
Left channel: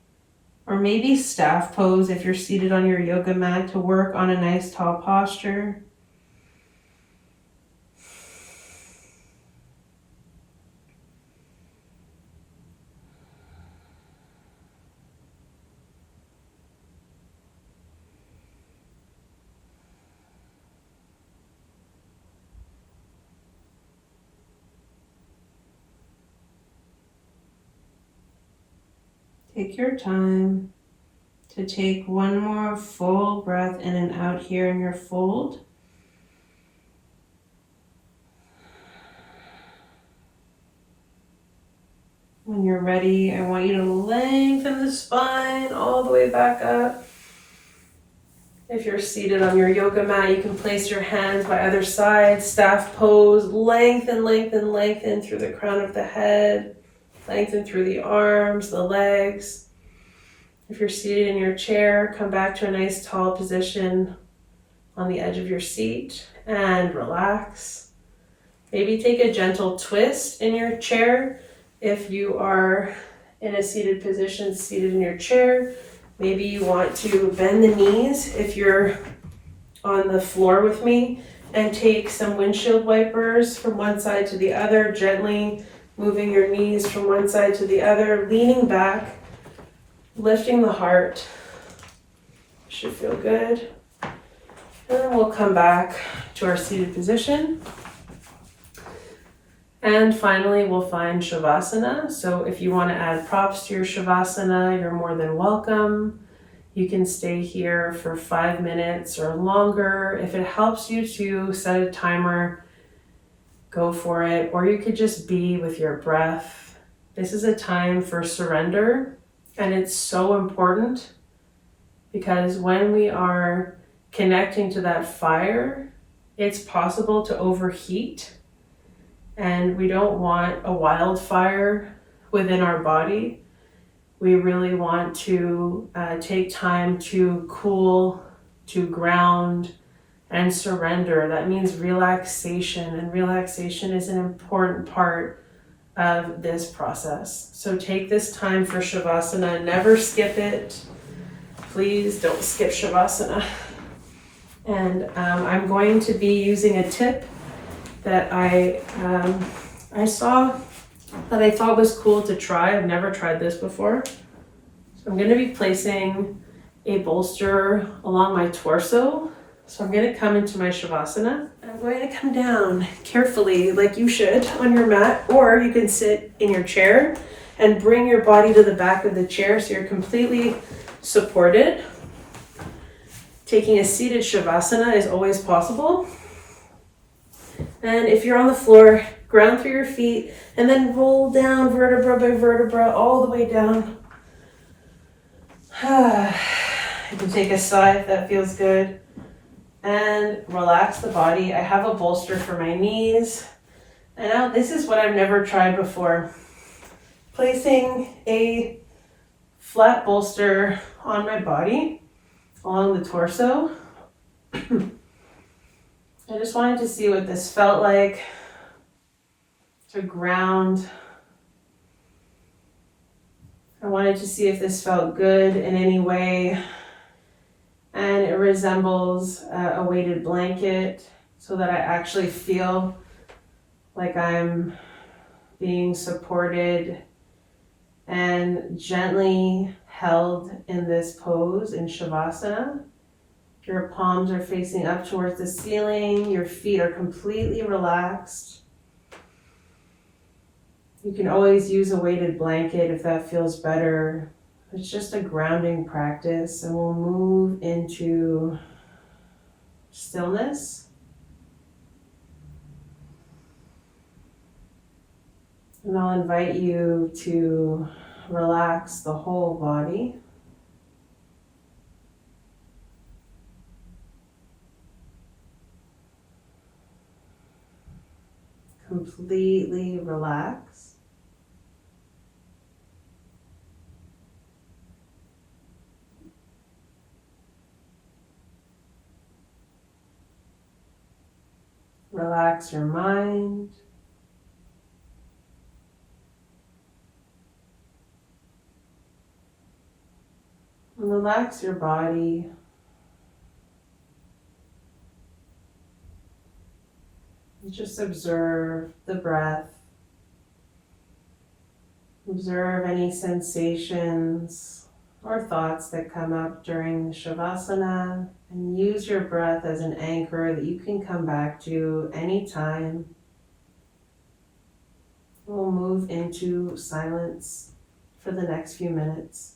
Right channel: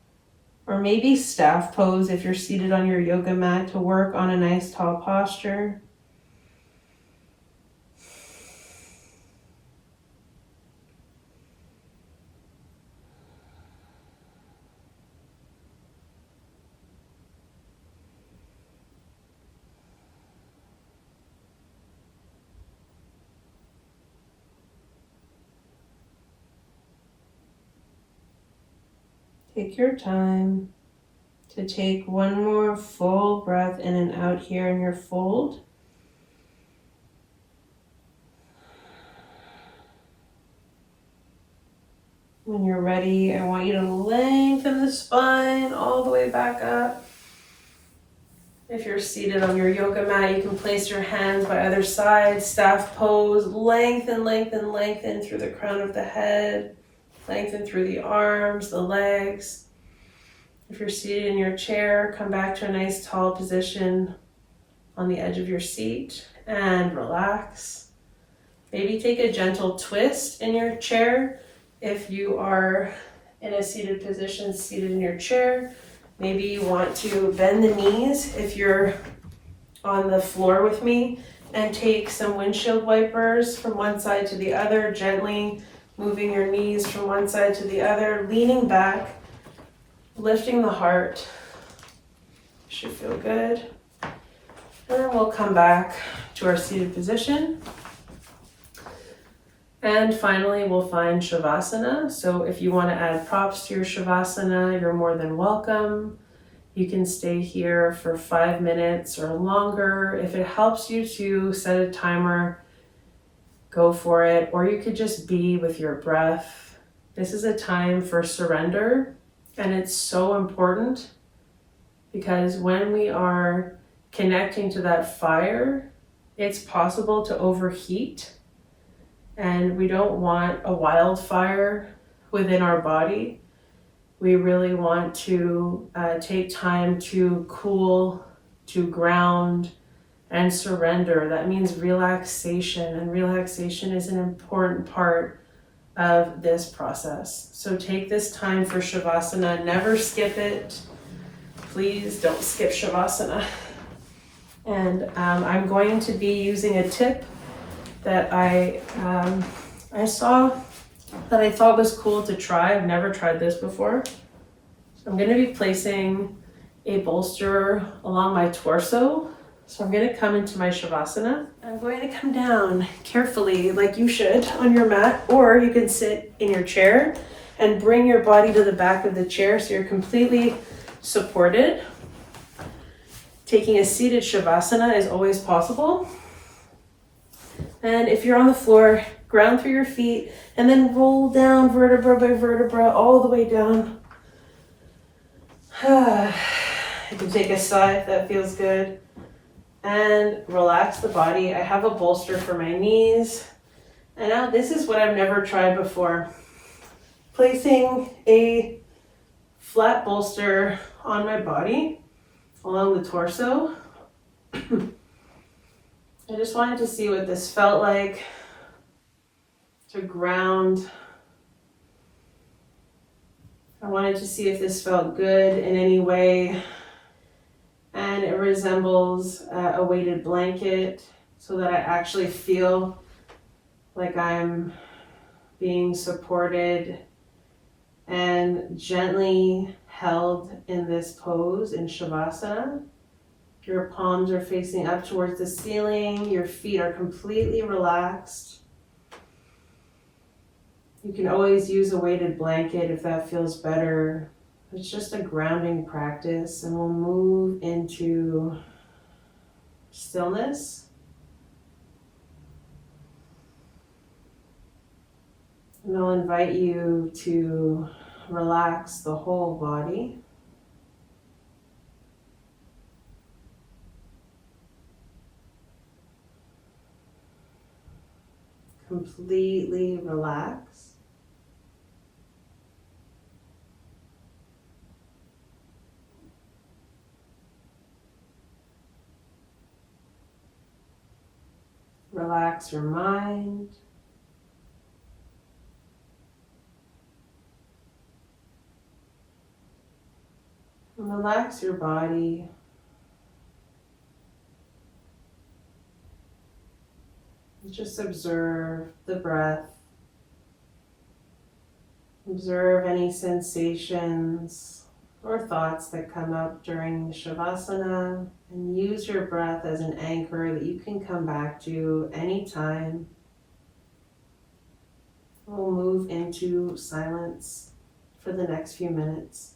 or maybe staff pose if you're seated on your yoga mat to work on a nice tall posture. Take your time to take one more full breath in and out here in your fold. When you're ready, I want you to lengthen the spine all the way back up. If you're seated on your yoga mat, you can place your hands by either side, staff pose, lengthen, lengthen, lengthen through the crown of the head, lengthen through the arms, the legs. If you're seated in your chair, come back to a nice tall position on the edge of your seat and relax. Maybe take a gentle twist in your chair. If you are in a seated position, seated in your chair, maybe you want to bend the knees if you're on the floor with me, and take some windshield wipers from one side to the other, gently moving your knees from one side to the other, leaning back, lifting the heart. Should feel good. And then we'll come back to our seated position. And finally, we'll find Shavasana. So if you want to add props to your Shavasana, you're more than welcome. You can stay here for 5 minutes or longer. If it helps you to set a timer, go for it. Or you could just be with your breath. This is a time for surrender. And it's so important because when we are connecting to that fire, it's possible to overheat. And we don't want a wildfire within our body. We really want to take time to cool, to ground, and surrender. That means relaxation, and relaxation is an important part of this process. So take this time for Shavasana. Never skip it. Please don't skip Shavasana. And I'm going to be using a tip that I saw that I thought was cool to try. I've never tried this before. So I'm going to be placing a bolster along my torso. So I'm going to come into my Shavasana. I'm going to come down carefully, like you should, on your mat, or you can sit in your chair and bring your body to the back of the chair so you're completely supported. Taking a seated Shavasana is always possible. And if you're on the floor, ground through your feet and then roll down vertebra by vertebra all the way down. You can take a sigh if that feels good. And relax the body. I have a bolster for my knees. And now this is what I've never tried before. Placing a flat bolster on my body along the torso. I just wanted to see what this felt like to ground. I wanted to see if this felt good in any way. And it resembles a weighted blanket so that I actually feel like I'm being supported and gently held in this pose in Shavasana. Your palms are facing up towards the ceiling. Your feet are completely relaxed. You can always use a weighted blanket if that feels better. It's just a grounding practice, and we'll move into stillness. And I'll invite you to relax the whole body. Completely relax. Relax your mind. And relax your body. Just observe the breath. Observe any sensations or thoughts that come up during the Shavasana, and use your breath as an anchor that you can come back to anytime. We'll move into silence for the next few minutes.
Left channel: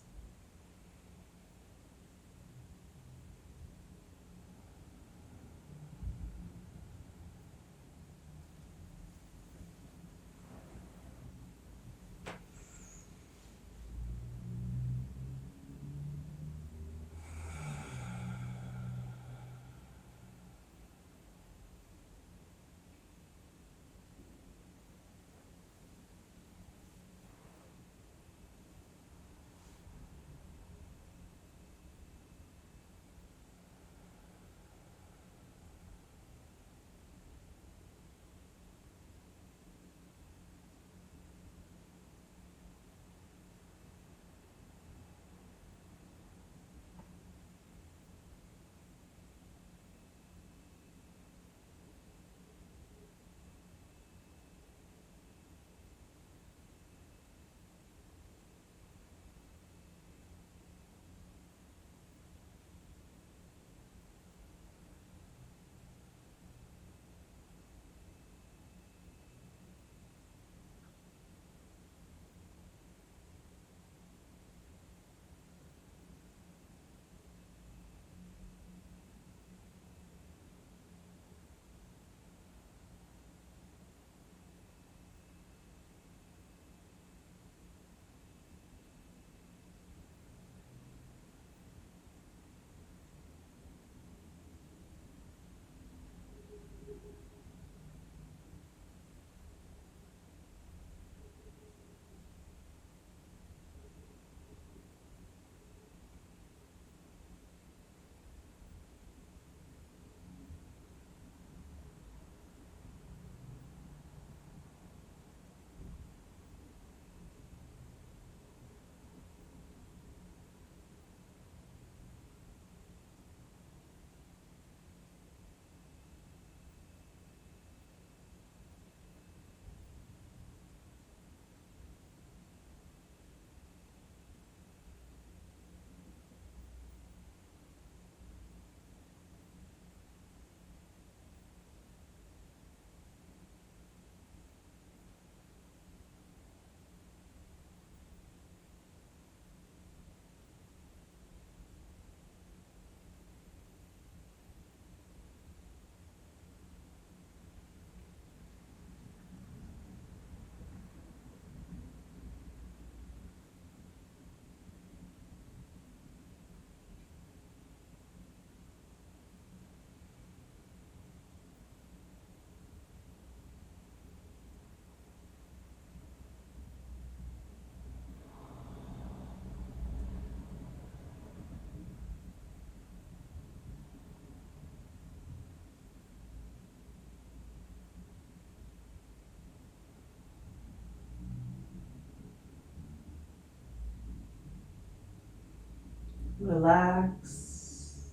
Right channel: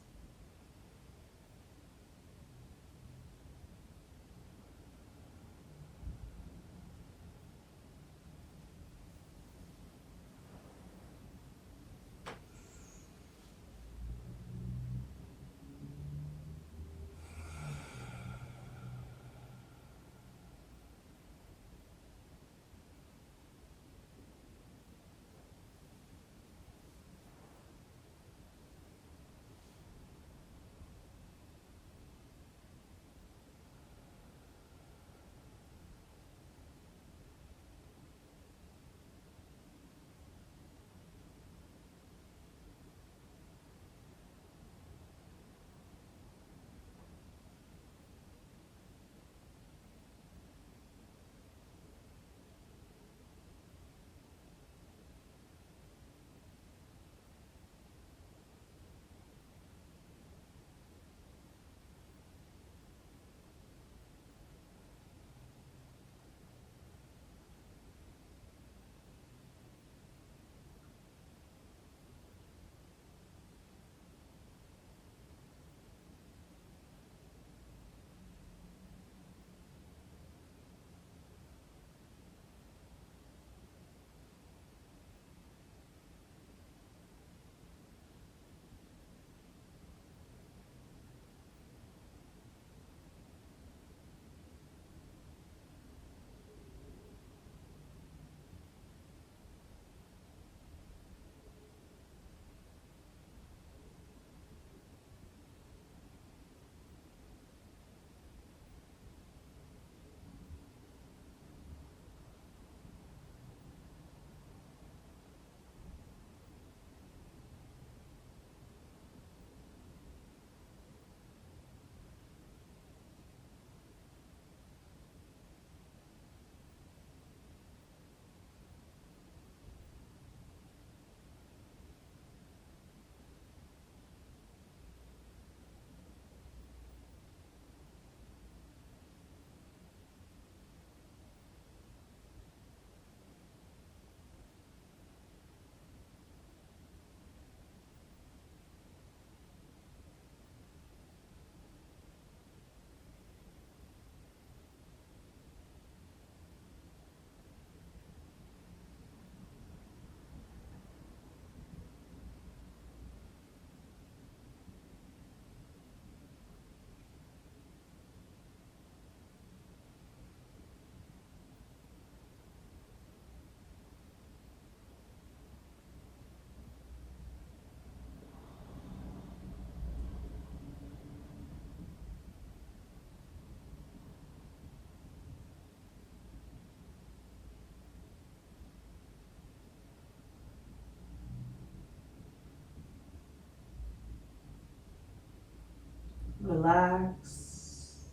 Relax,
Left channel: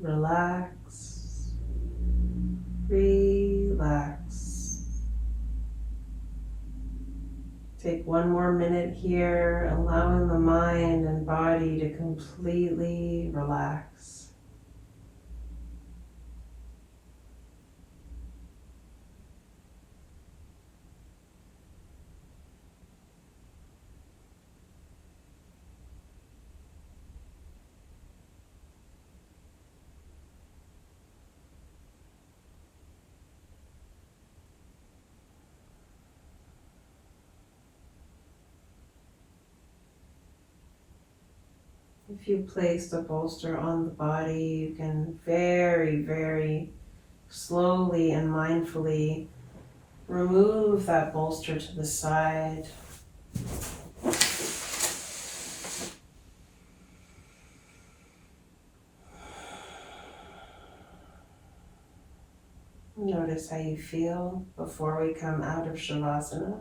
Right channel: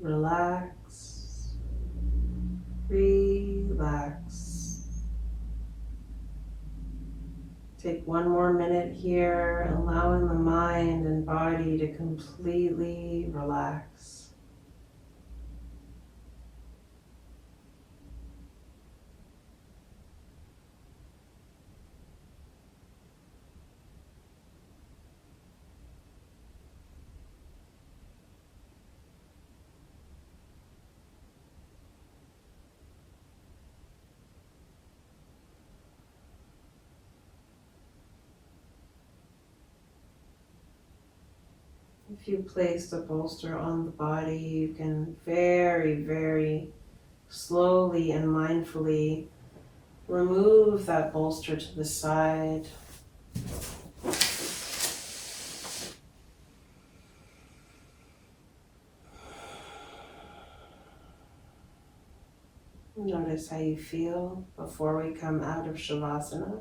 relax, relax. Take one more minute here, allowing the mind and body to completely relax. If you place the bolster on the body, you can very, very slowly and mindfully remove that bolster to the side. notice how you feel before we come out of Shavasana.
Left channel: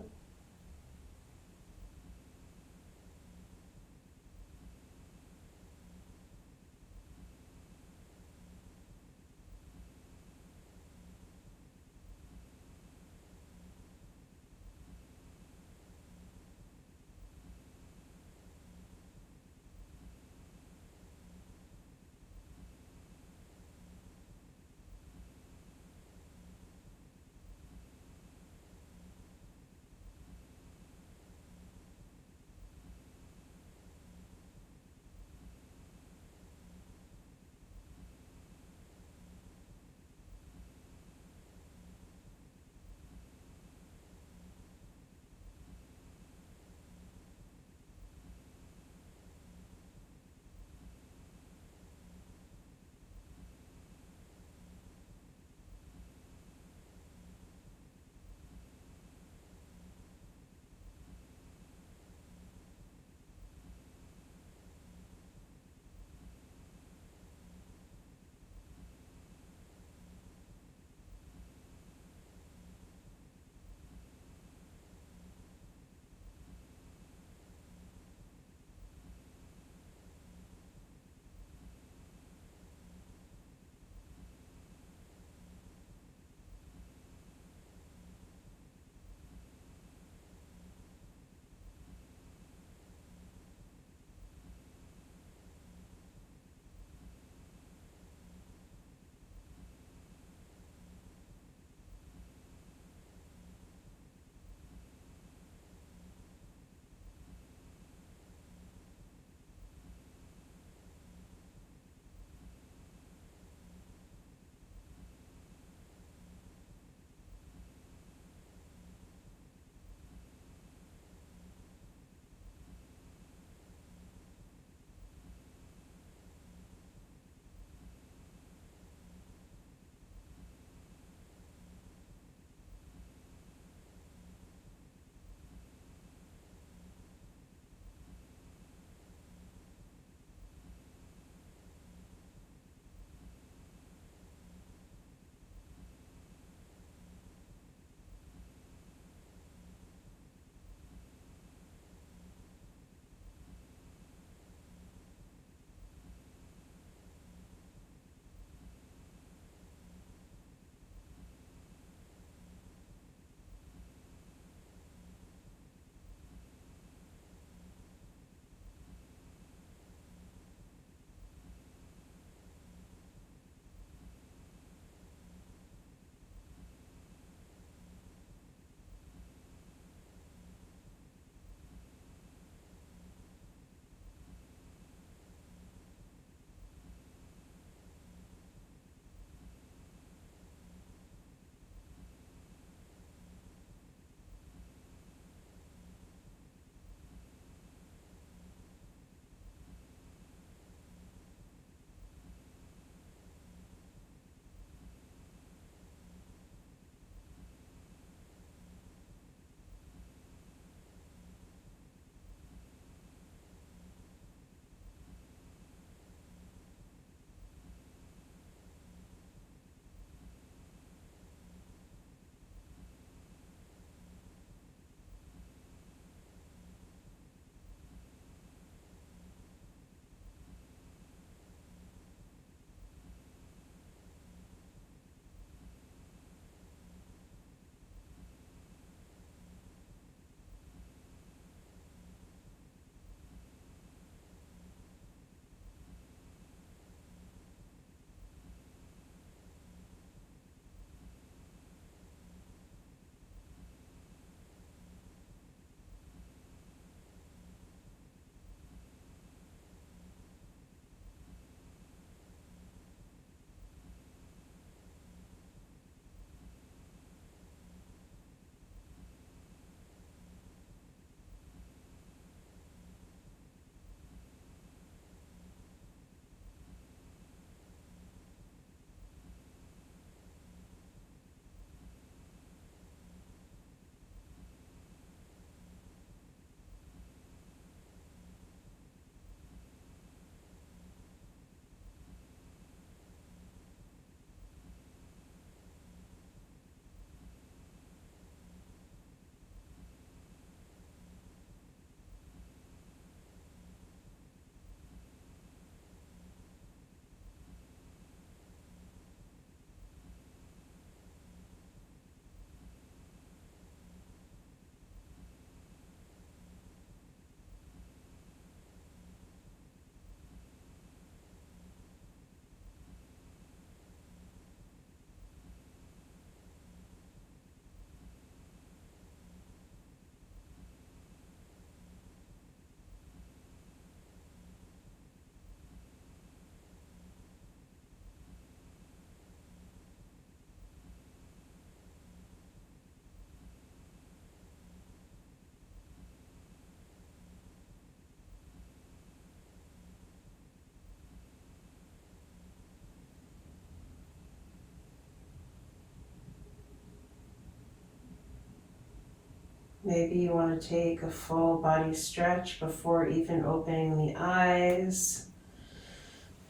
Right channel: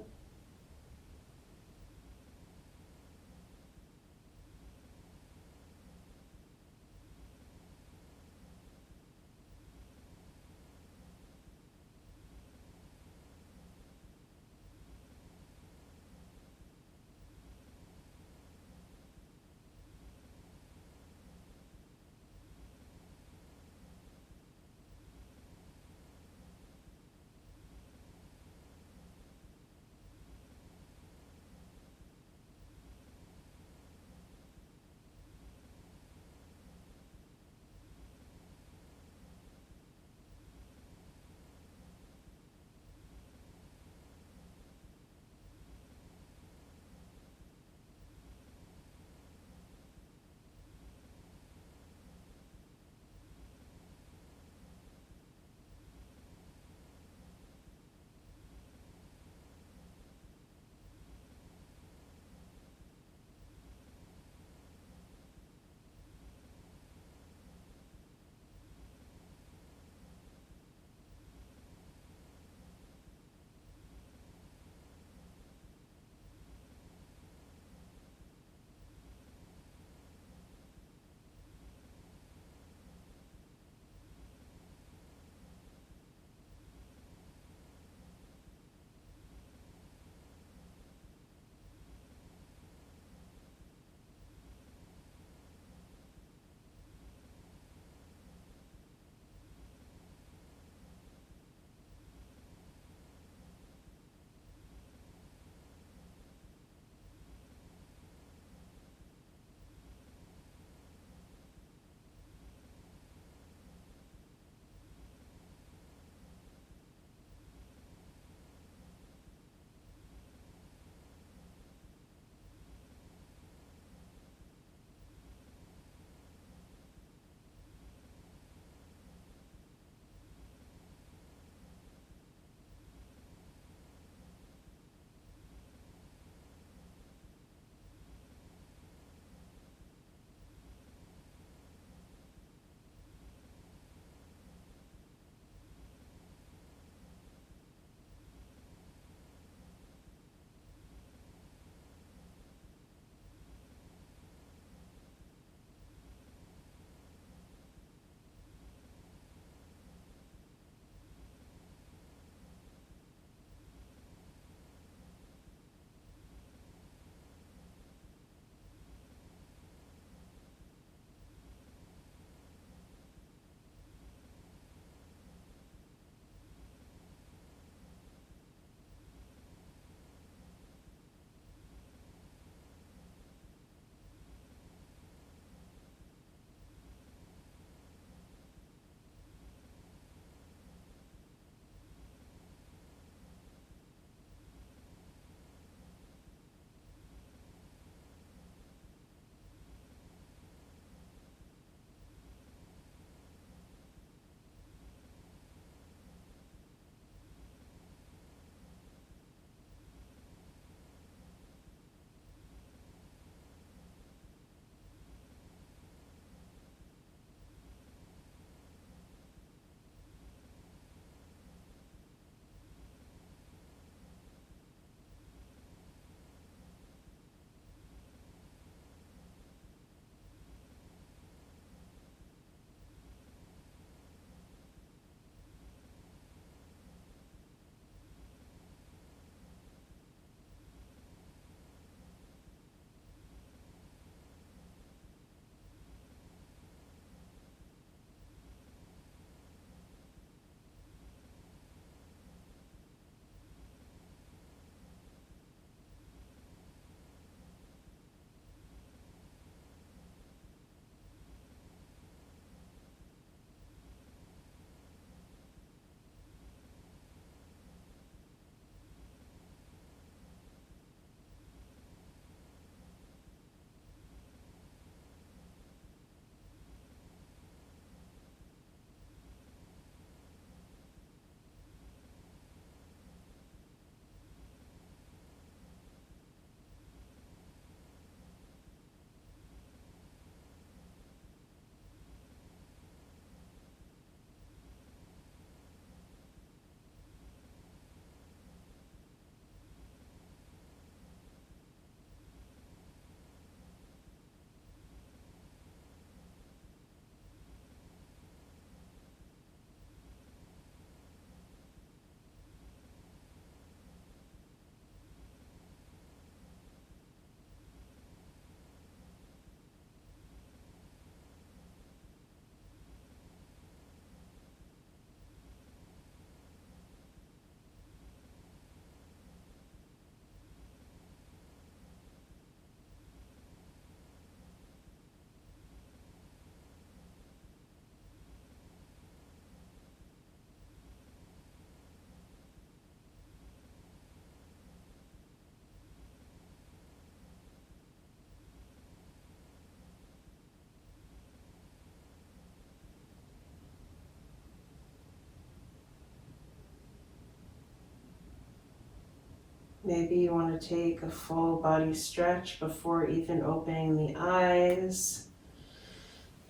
Maybe you want to take a full body stretch before even opening the eyes.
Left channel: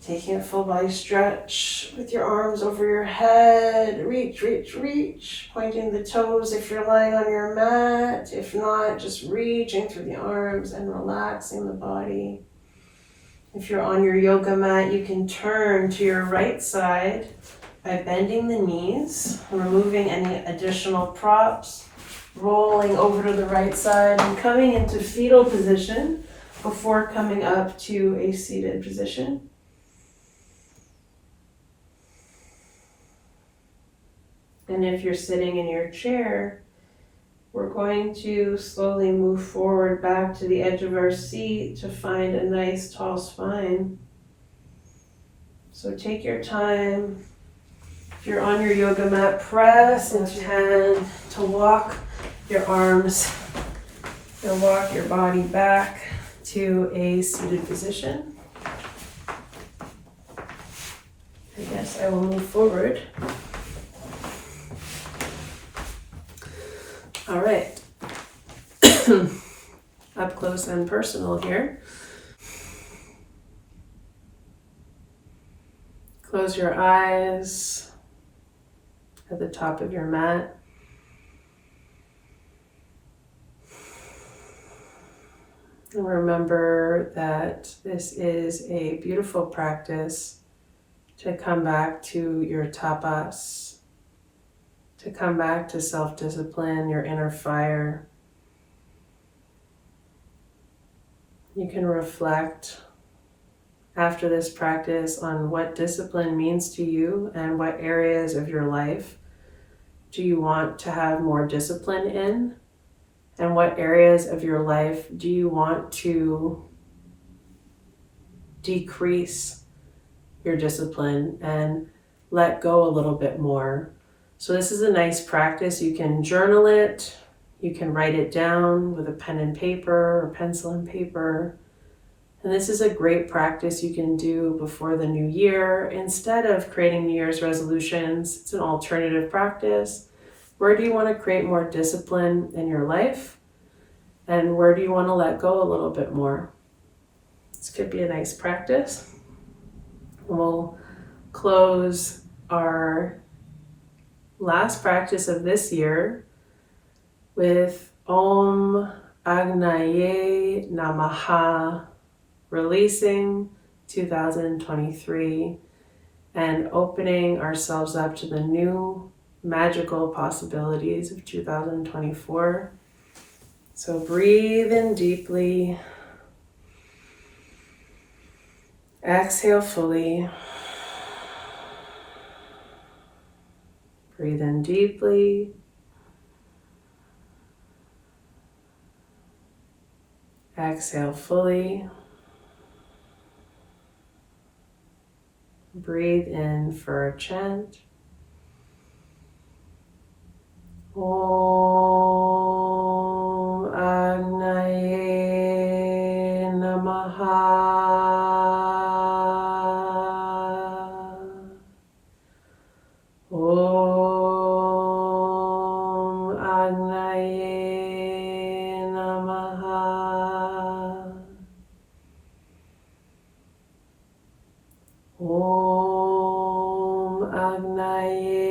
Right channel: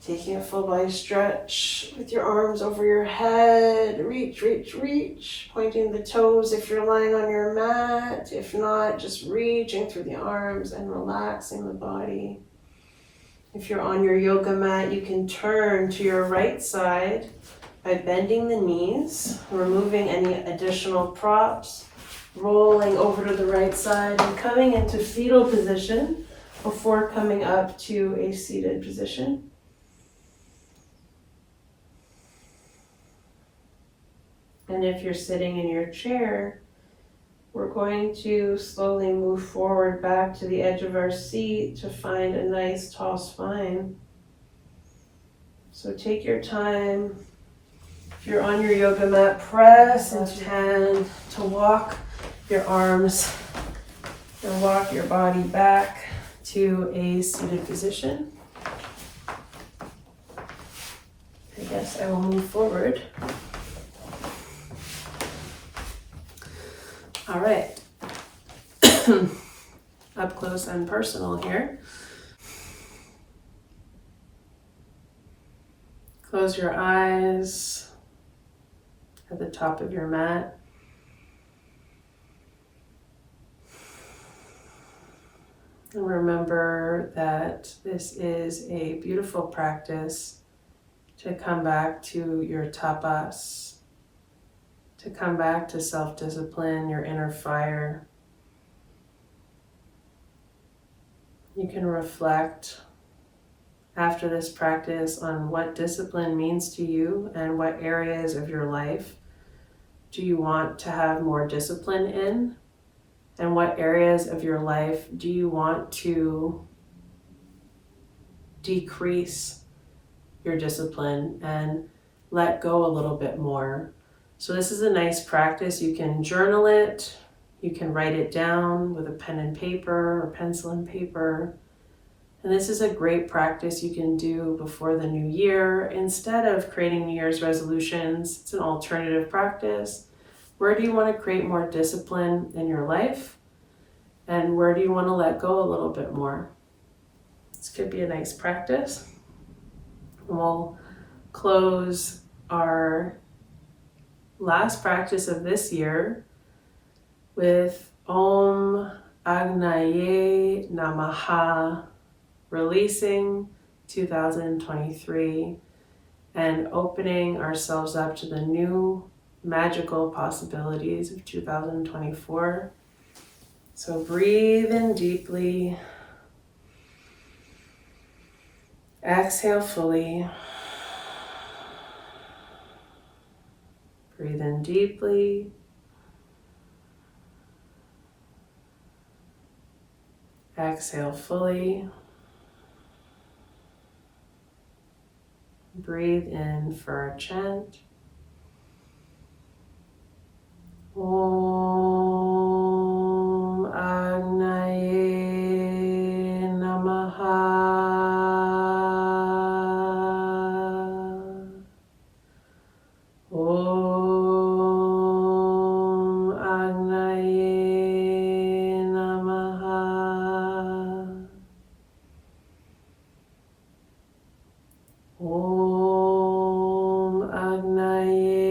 Taking a full body stretch with your arms over your head. Reach, reach, reach. Pointing the toes if you're lying on your mat. If not, just reaching through the arms and relaxing the body. If you're on your yoga mat, you can turn to your right side by bending the knees, removing any additional props, rolling over to the right side and coming into fetal position before coming up to a seated position. And if you're sitting in your chair, we're going to slowly move forward back to the edge of our seat to find a nice tall spine. So take your time. If you're on your yoga mat, press into your hand to walk your arms and walk your body back to a seated position. I guess I will move forward. All right, up close and personal here. Close your eyes at the top of your mat. And remember that this is a beautiful practice to come back to your tapas, to come back to self-discipline, your inner fire. You can reflect after this practice on what discipline means to you and what areas of your life do you want to have more discipline in, and what areas of your life do you want to decrease your discipline and let go a little bit more. So this is a nice practice. You can journal it, you can write it down with a pen and paper or pencil and paper. And this is a great practice you can do before the new year. Instead of creating New Year's resolutions, it's an alternative practice. Where do you want to create more discipline in your life? And where do you want to let go a little bit more? This could be a nice practice. We'll close our last practice of this year with Om Agnaye Namaha, releasing 2023 and opening ourselves up to the new magical possibilities of 2024. So breathe in deeply. Exhale fully. Breathe in deeply. Exhale fully. Breathe in for our chant. Om Agnaye Namaha. Om Agnaye Namaha. Om Agnaye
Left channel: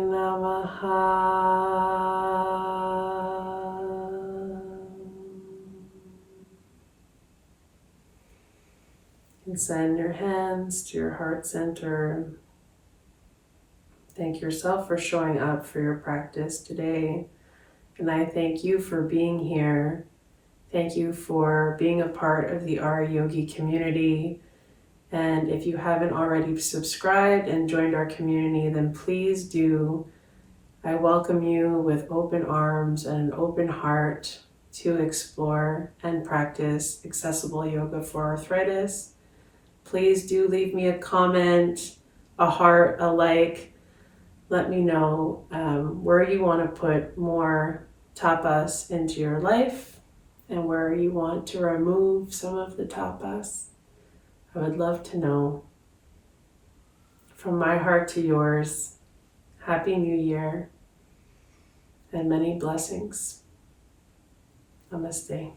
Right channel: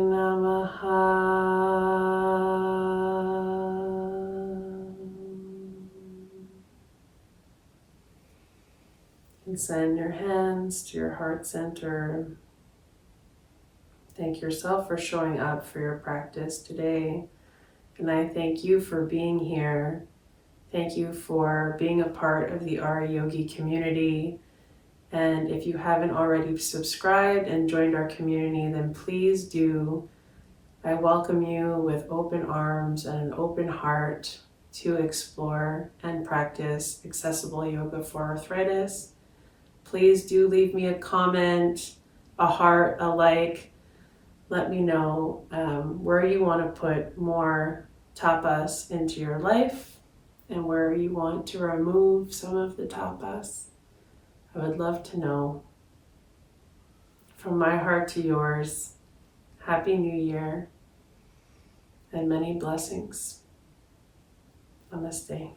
Namaha. And send your hands to your heart center. Thank yourself for showing up for your practice today. And I thank you for being here. Thank you for being a part of the RA Yogi community. And if you haven't already subscribed and joined our community, then please do. I welcome you with open arms and an open heart to explore and practice accessible yoga for arthritis. Please do leave me a comment, a heart, a like. Let me know where you want to put more tapas into your life and where you want to remove some of the tapas. I would love to know. From my heart to yours, Happy New Year and many blessings. on this day.